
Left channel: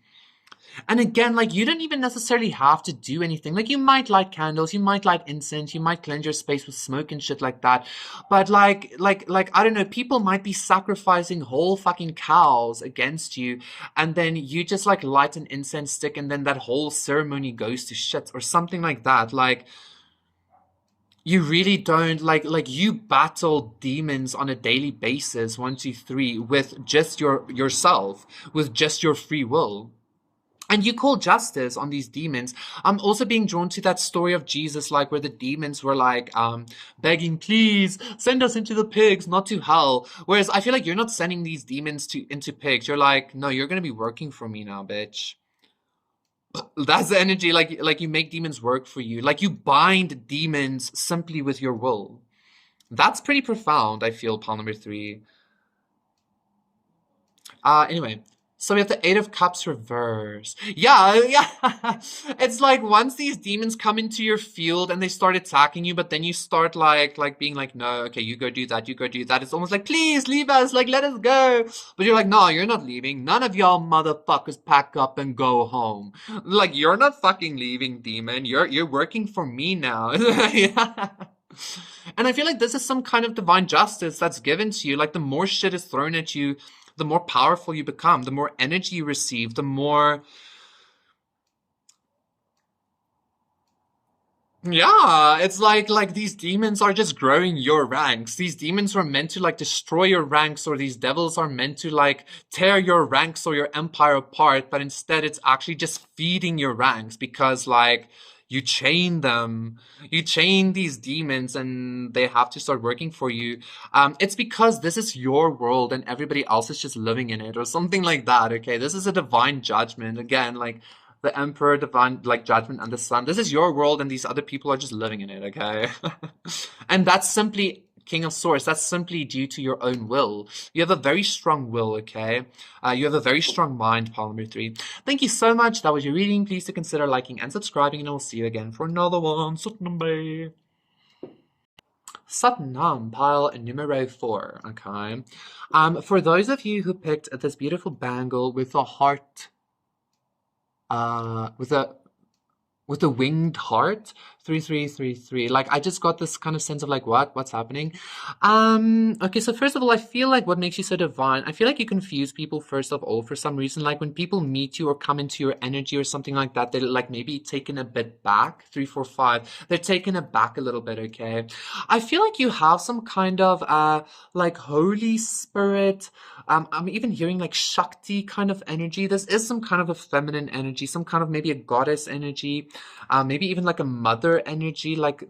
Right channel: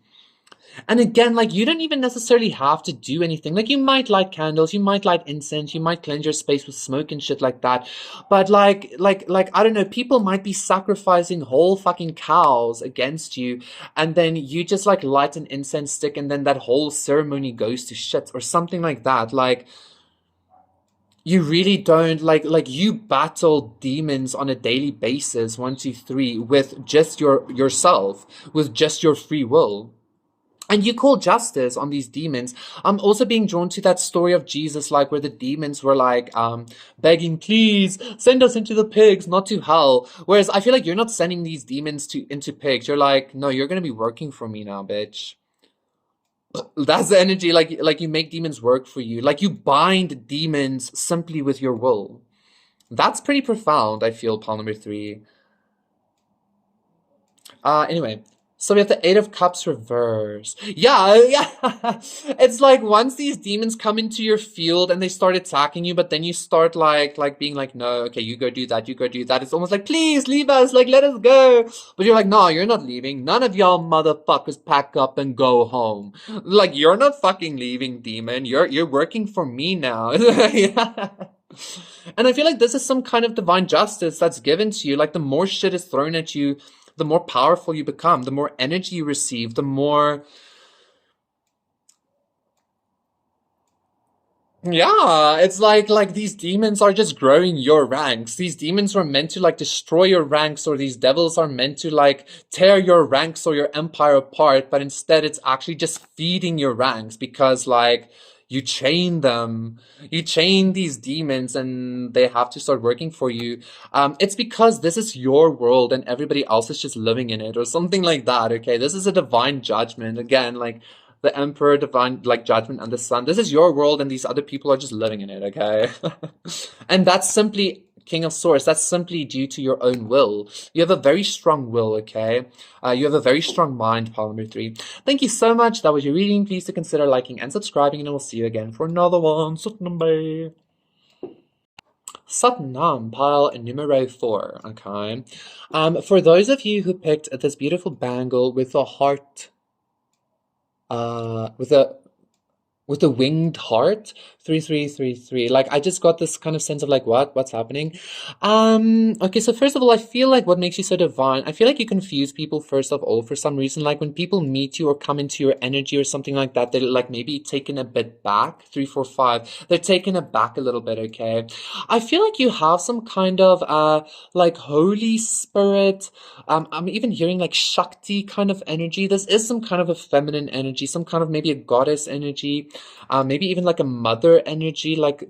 And again, like, you don't even necessarily have to do anything. Like, you might light candles, you might light incense, you might cleanse your space with smoke and shit like that. But like, I don't know, people might be sacrificing whole fucking cows against you, and then you just like light an incense stick, and then that whole ceremony goes to shit or something like that. Like, you really don't like you battle demons on a daily basis, 1, 2, 3, with just yourself, with just your free will. And you call justice on these demons. I'm also being drawn to that story of Jesus, like, where the demons were like, begging, please send us into the pigs, not to hell. Whereas I feel like you're not sending these demons into pigs. You're like, no, you're gonna be working for me now, bitch. That's the energy. Like you make demons work for you. Like, you bind demons simply with your will. That's pretty profound, I feel, Palm number 3. Anyway. So we have the 8 of Cups reverse. Yeah. It's like, once these demons come into your field and they start attacking you, but then you start like being like, no, okay, you go do that, you go do that. It's almost like, please leave us, like, let us go. But you're like, no, you're not leaving. None of y'all motherfuckers pack up and go home. Like, you're not fucking leaving, demon. You're working for me now. Yeah. And I feel like this is some kind of divine justice that's given to you. Like, the more shit is thrown at you, the more powerful you become, the more energy you receive, the more... Yeah, it's like these demons are just growing your ranks. These demons were meant to like destroy your ranks, or these devils are meant to like tear your ranks or your empire apart, but instead it's actually just feeding your ranks, because like you chain them. You chain these demons and they have to start working for you. It's because this is your world and everybody else is just living in it or something like that, okay? This is a divine judgment. Again, like the Emperor, divine like judgment, and the Sun. This is your world and these other people are just living in it, okay? And that's simply King of Swords. That's simply due to your own will. You have a very strong will, okay? You have a very strong mind, pile number 3. Thank you so much. That was your reading. Please do consider liking and subscribing, and I will see you again for another one. Satnam, Satnam, pile numero 4, okay? For those of you who picked this beautiful bangle with a heart, with a winged heart, 3333. Like, I just got this kind of sense of like, what's happening? Okay, so first of all, I feel like what makes you so divine, I feel like you confuse people first of all for some reason. Like, when people meet you or come into your energy or something like that, they're like maybe taken a bit back. 345, they're taken aback a little bit, okay? I feel like you have some kind of like Holy Spirit. I'm even hearing like Shakti kind of energy. This is some kind of a feminine energy, some kind of maybe a goddess energy, maybe even like a mother energy, like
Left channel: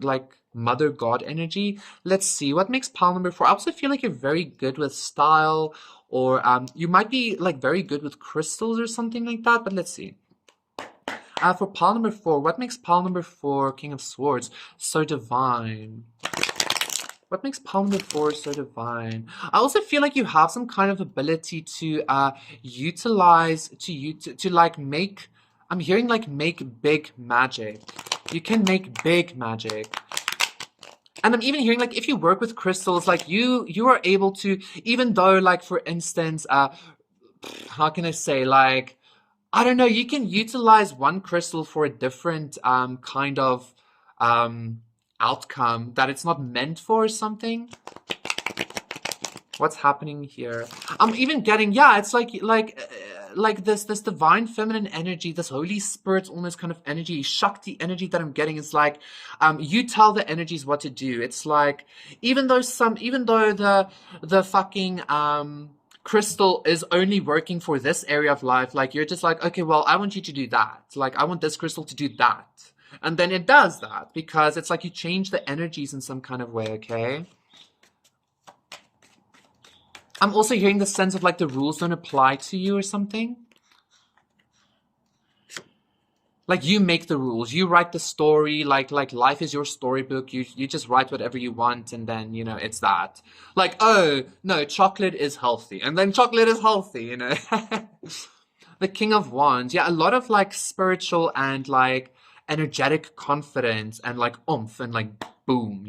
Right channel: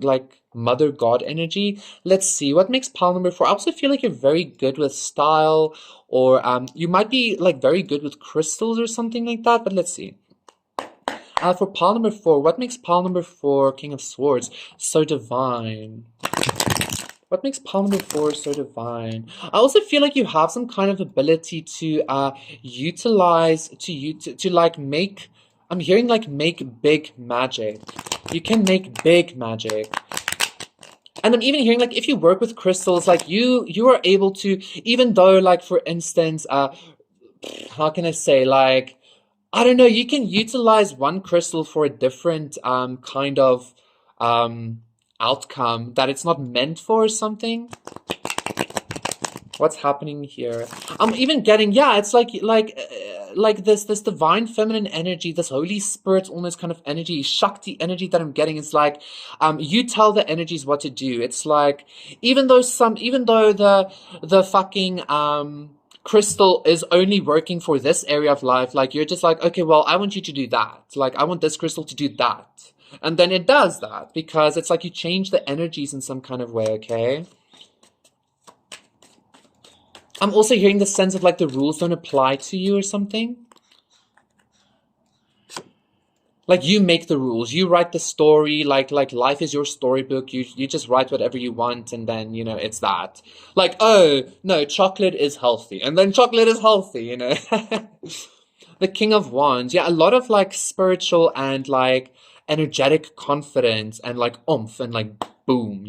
mother god energy. Let's see what makes pile number 4. I also feel like you're very good with style, or you might be like very good with crystals or something like that, but let's see. For pile number 4, what makes pile number 4, King of Swords, so divine? What makes pile number 4 so divine? I also feel like you have some kind of ability to utilize to like make. I'm hearing like make big magic. You can make big magic. And I'm even hearing like if you work with crystals, like you are able to, even though like for instance, how can I say, like I don't know, you can utilize one crystal for a different kind of outcome that it's not meant for or something. What's happening here? I'm even getting, yeah, it's like this divine feminine energy, this Holy Spirit almost kind of energy, Shakti energy that I'm getting is like you tell the energies what to do. It's like even though the fucking crystal is only working for this area of life, like you're just like, okay, well, I want you to do that. Like I want this crystal to do that. And then it does that because it's like you change the energies in some kind of way, okay? I'm also hearing the sense of like the rules don't apply to you or something. Like you make the rules, you write the story, like life is your storybook. You just write whatever you want, and then it's that. Like, oh no, chocolate is healthy, and then chocolate is healthy, The King of Wands, yeah, a lot of like spiritual and like energetic confidence and like oomph and like boom,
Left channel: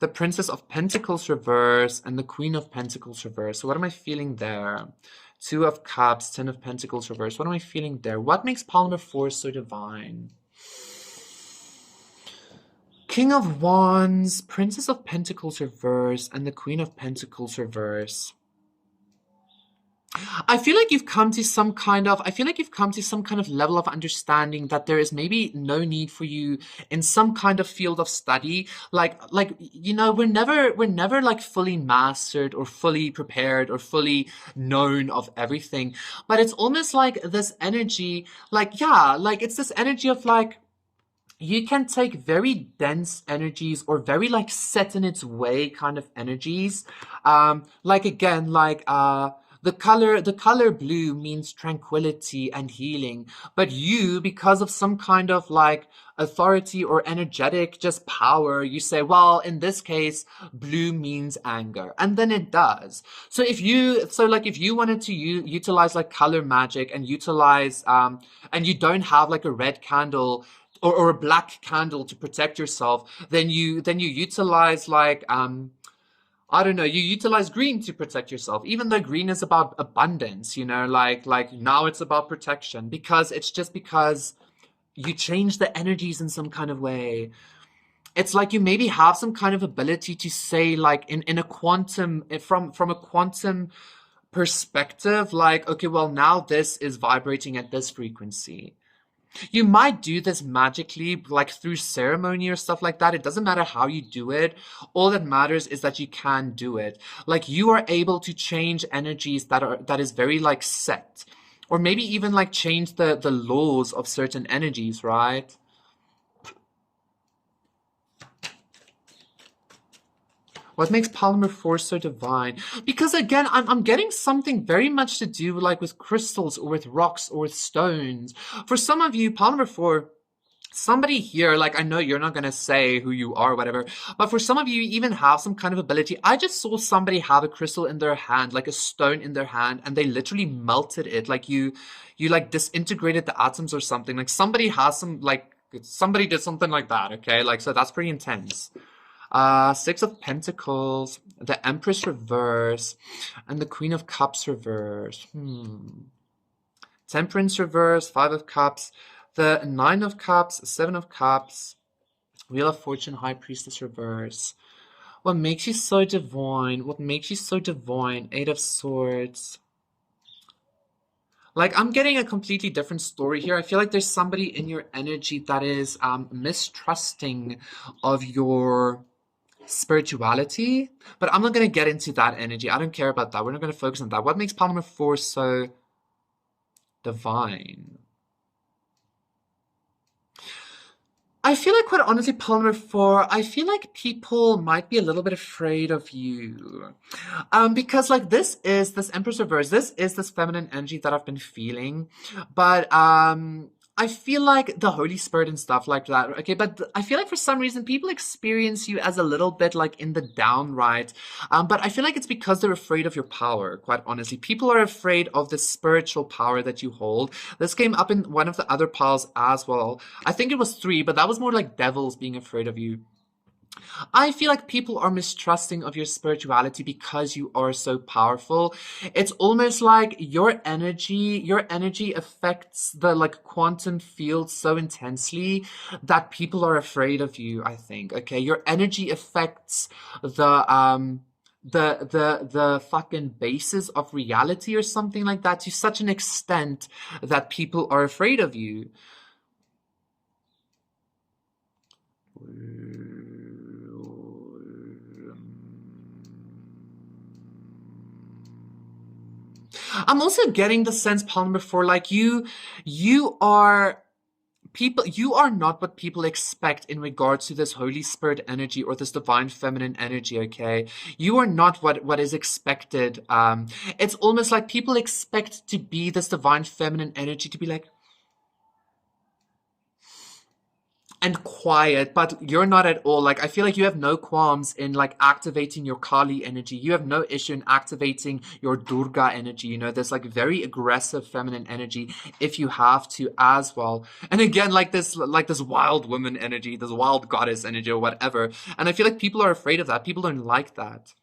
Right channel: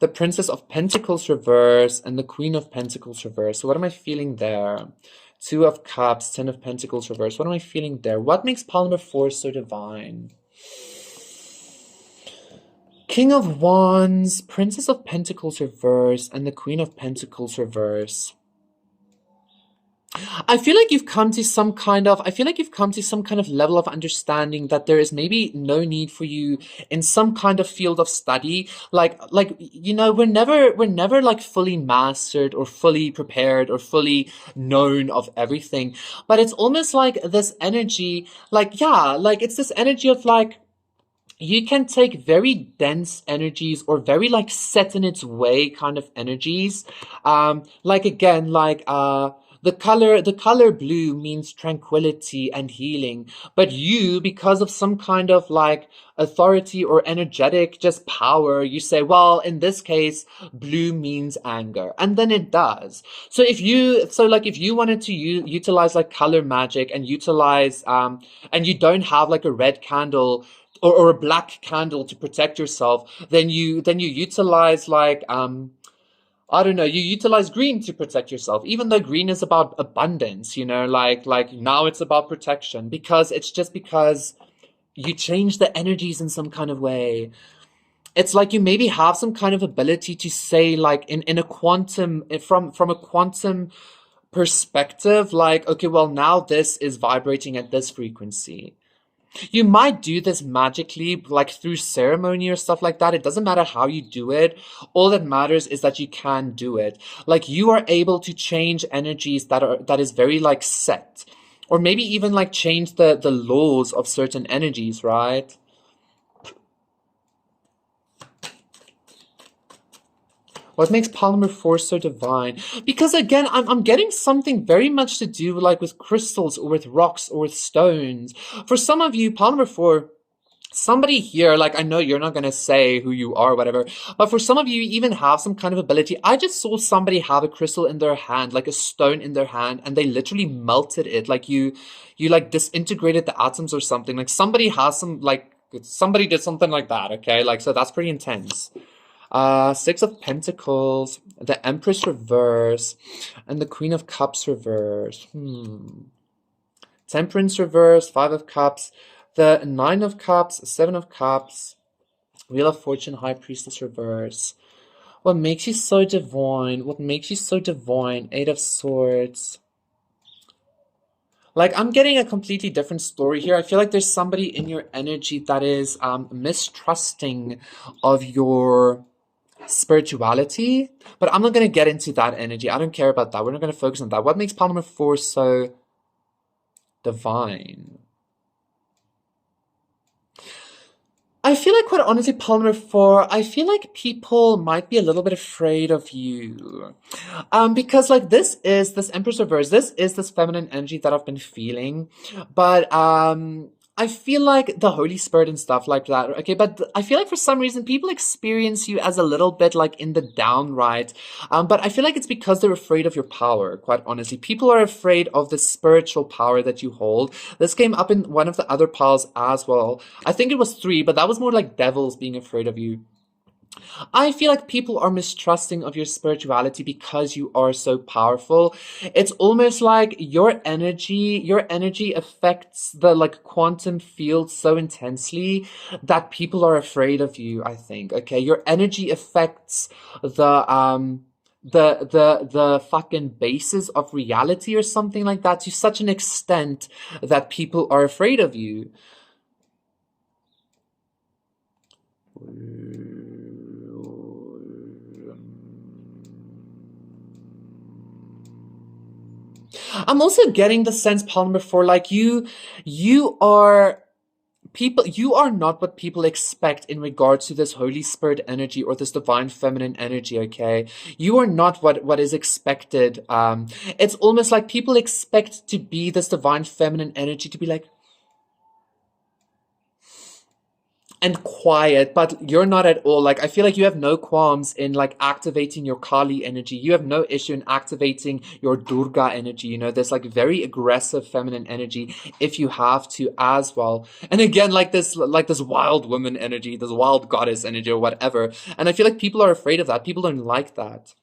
The Princess of Pentacles reverse and the Queen of Pentacles reverse. So what am I feeling there? Two of Cups, Ten of Pentacles reverse. What am I feeling there? What makes pile number 4 so divine? King of Wands, Princess of Pentacles reverse, and the Queen of Pentacles reverse. I feel like you've come to some kind of level of understanding that there is maybe no need for you in some kind of field of study. We're never like fully mastered or fully prepared or fully known of everything. But it's almost like this energy, it's this energy of like, you can take very dense energies or very like set in its way kind of energies. The color blue means tranquility and healing, but you, because of some kind of like authority or energetic just power, you say, well, in this case, blue means anger, and then it does. So if you wanted to utilize like color magic and utilize and you don't have like a red candle or a black candle to protect yourself, then you utilize like I don't know, you utilize green to protect yourself, even though green is about abundance, like now it's about protection because you change the energies in some kind of way. It's like you maybe have some kind of ability to say like in a quantum, from a quantum perspective, like, okay, well, now this is vibrating at this frequency. You might do this magically, like through ceremony or stuff like that. It doesn't matter how you do it. All that matters is that you can do it. Like you are able to change energies that is very like set, or maybe even like change the laws of certain energies, right? What makes pile number 4 so divine? Because again, I'm getting something very much to do like with crystals or with rocks or with stones. For some of you, pile number 4, somebody here, like I know you're not going to say who you are or whatever, but for some of you, you even have some kind of ability. I just saw somebody have a crystal in their hand, like a stone in their hand, and they literally melted it. Like you like disintegrated the atoms or something. Like somebody did something like that, okay? Like, so that's pretty intense. Six of Pentacles, the Empress reverse, and the Queen of Cups reverse. Temperance reverse, Five of Cups, the Nine of Cups, Seven of Cups, Wheel of Fortune, High Priestess reverse. What makes you so divine? What makes you so divine? Eight of Swords. Like, I'm getting a completely different story here. I feel like there's somebody in your energy that is mistrusting of your spirituality, but I'm not going to get into that energy. I don't care about that. We're not going to focus on that. What makes pile number 4 so divine? I feel like, quite honestly, pile number 4, I feel like people might be a little bit afraid of you. Because like this Empress reverse, this is this feminine energy that I've been feeling. But I feel like the Holy Spirit and stuff like that, okay, but I feel like for some reason people experience you as a little bit like in the downright. But I feel like it's because they're afraid of your power, quite honestly. People are afraid of the spiritual power that you hold. This came up in one of the other piles as well. I think it was 3, but that was more like devils being afraid of you. I feel like people are mistrusting of your spirituality because you are so powerful. It's almost like your energy affects the like quantum field so intensely that people are afraid of you, I think. Okay. Your energy affects the fucking basis of reality or something like that to such an extent that people are afraid of you. I'm also getting the sense, Palmer, before like you are people, you are not what people expect in regards to this Holy Spirit energy or this divine feminine energy, okay? You are not what is expected. It's almost like people expect to be this divine feminine energy to be like, and quiet, but you're not at all. Like, I feel like you have no qualms in like activating your Kali energy. You have no issue in activating your Durga energy. You know, there's like very aggressive feminine energy if you have to as well. And again, like this wild woman energy, this wild goddess energy or whatever. And I feel like people are afraid of that. People don't like that.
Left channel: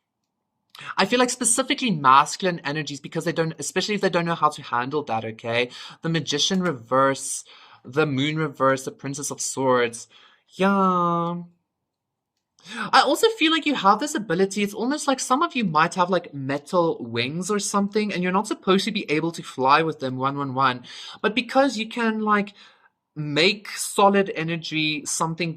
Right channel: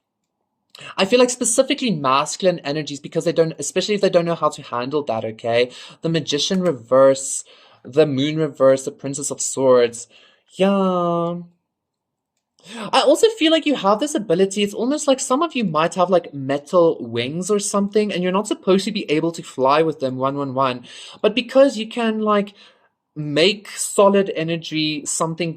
I feel like specifically masculine energies because they don't, especially if they don't know how to handle that, okay? The magician reverse, the moon reverse, the princess of swords. Yeah. I also feel like you have this ability. It's almost like some of you might have like metal wings or something, and you're not supposed to be able to fly with them 111. But because you can like make solid energy something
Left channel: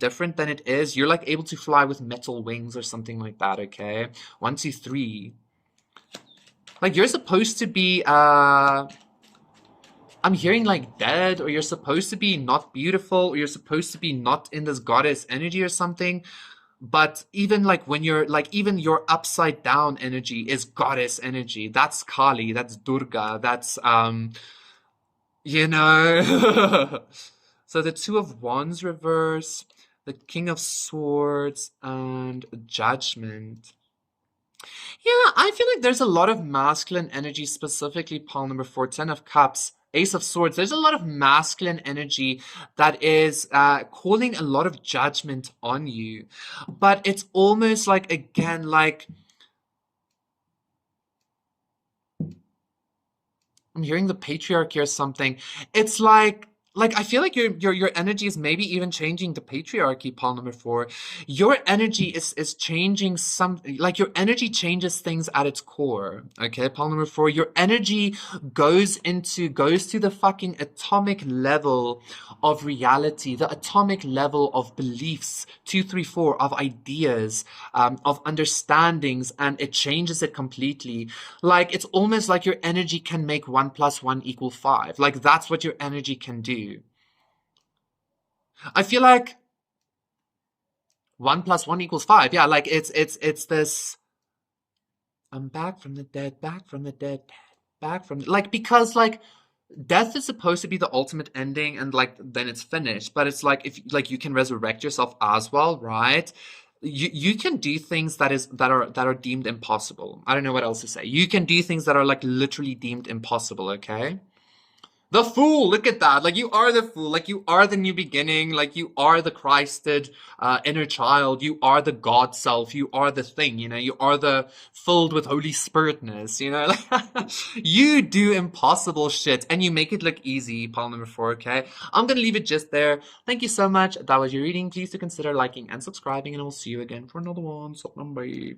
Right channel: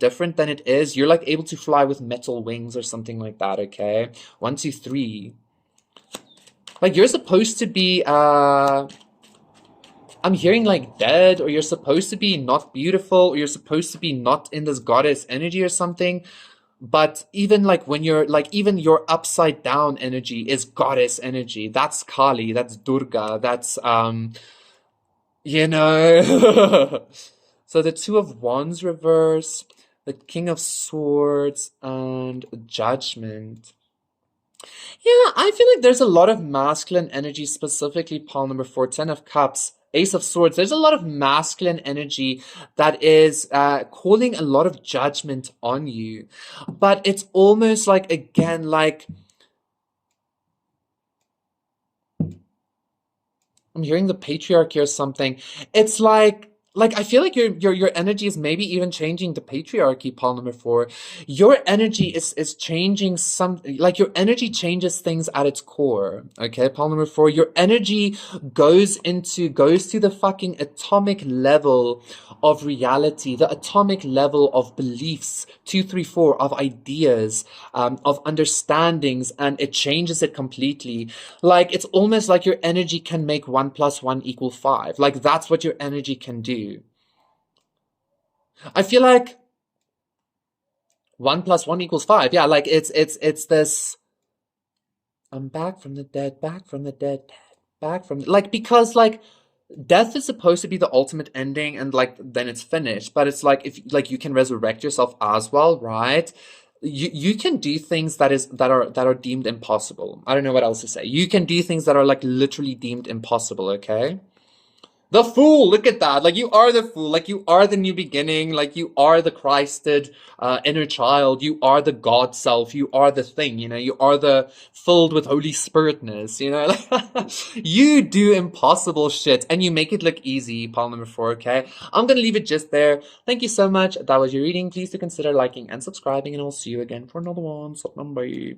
different than it is, you're like able to fly with metal wings or something like that, okay? 1, 2, 3. Like you're supposed to be I'm hearing like dead, or you're supposed to be not beautiful, or you're supposed to be not in this goddess energy or something. But even like when you're like, even your upside down energy is goddess energy. That's Kali, that's Durga, that's you know. So the Two of Wands reverse, the King of Swords, and Judgment. Yeah, I feel like there's a lot of masculine energy, specifically pile number 4, 10 of Cups, Ace of Swords. There's a lot of masculine energy that is calling a lot of judgment on you. But it's almost like, again, like I'm hearing the patriarchy or something. It's like I feel like your energy is maybe even changing the patriarchy, pile number 4. Your energy is changing some, like your energy changes things at its core. Okay, pile number 4. Your energy goes to the fucking atomic level of reality, the atomic level of beliefs, 2, 3, 4, of ideas, of understandings, and it changes it completely. Like it's almost like your energy can make 1 + 1 = 5. Like that's what your energy can do. I feel like 1 + 1 = 5. Yeah, like it's this. I'm back from the dead, back from the dead, back from like, because like death is supposed to be the ultimate ending, and like then it's finished. But it's like if like you can resurrect yourself as well, right? You can do things that are deemed impossible. I don't know what else to say. You can do things that are like literally deemed impossible, okay? The Fool, look at that. Like you are the Fool. Like you are the new beginning. Like you are the Christed inner child. You are the God self. You are the thing, you know. You are the filled with Holy Spiritness, you know. Like you do impossible shit and you make it look easy, pile number 4, okay? I'm gonna leave it just there. Thank you so much. That was your reading. Please do consider liking and subscribing, and I'll see you again for another one. So, bye.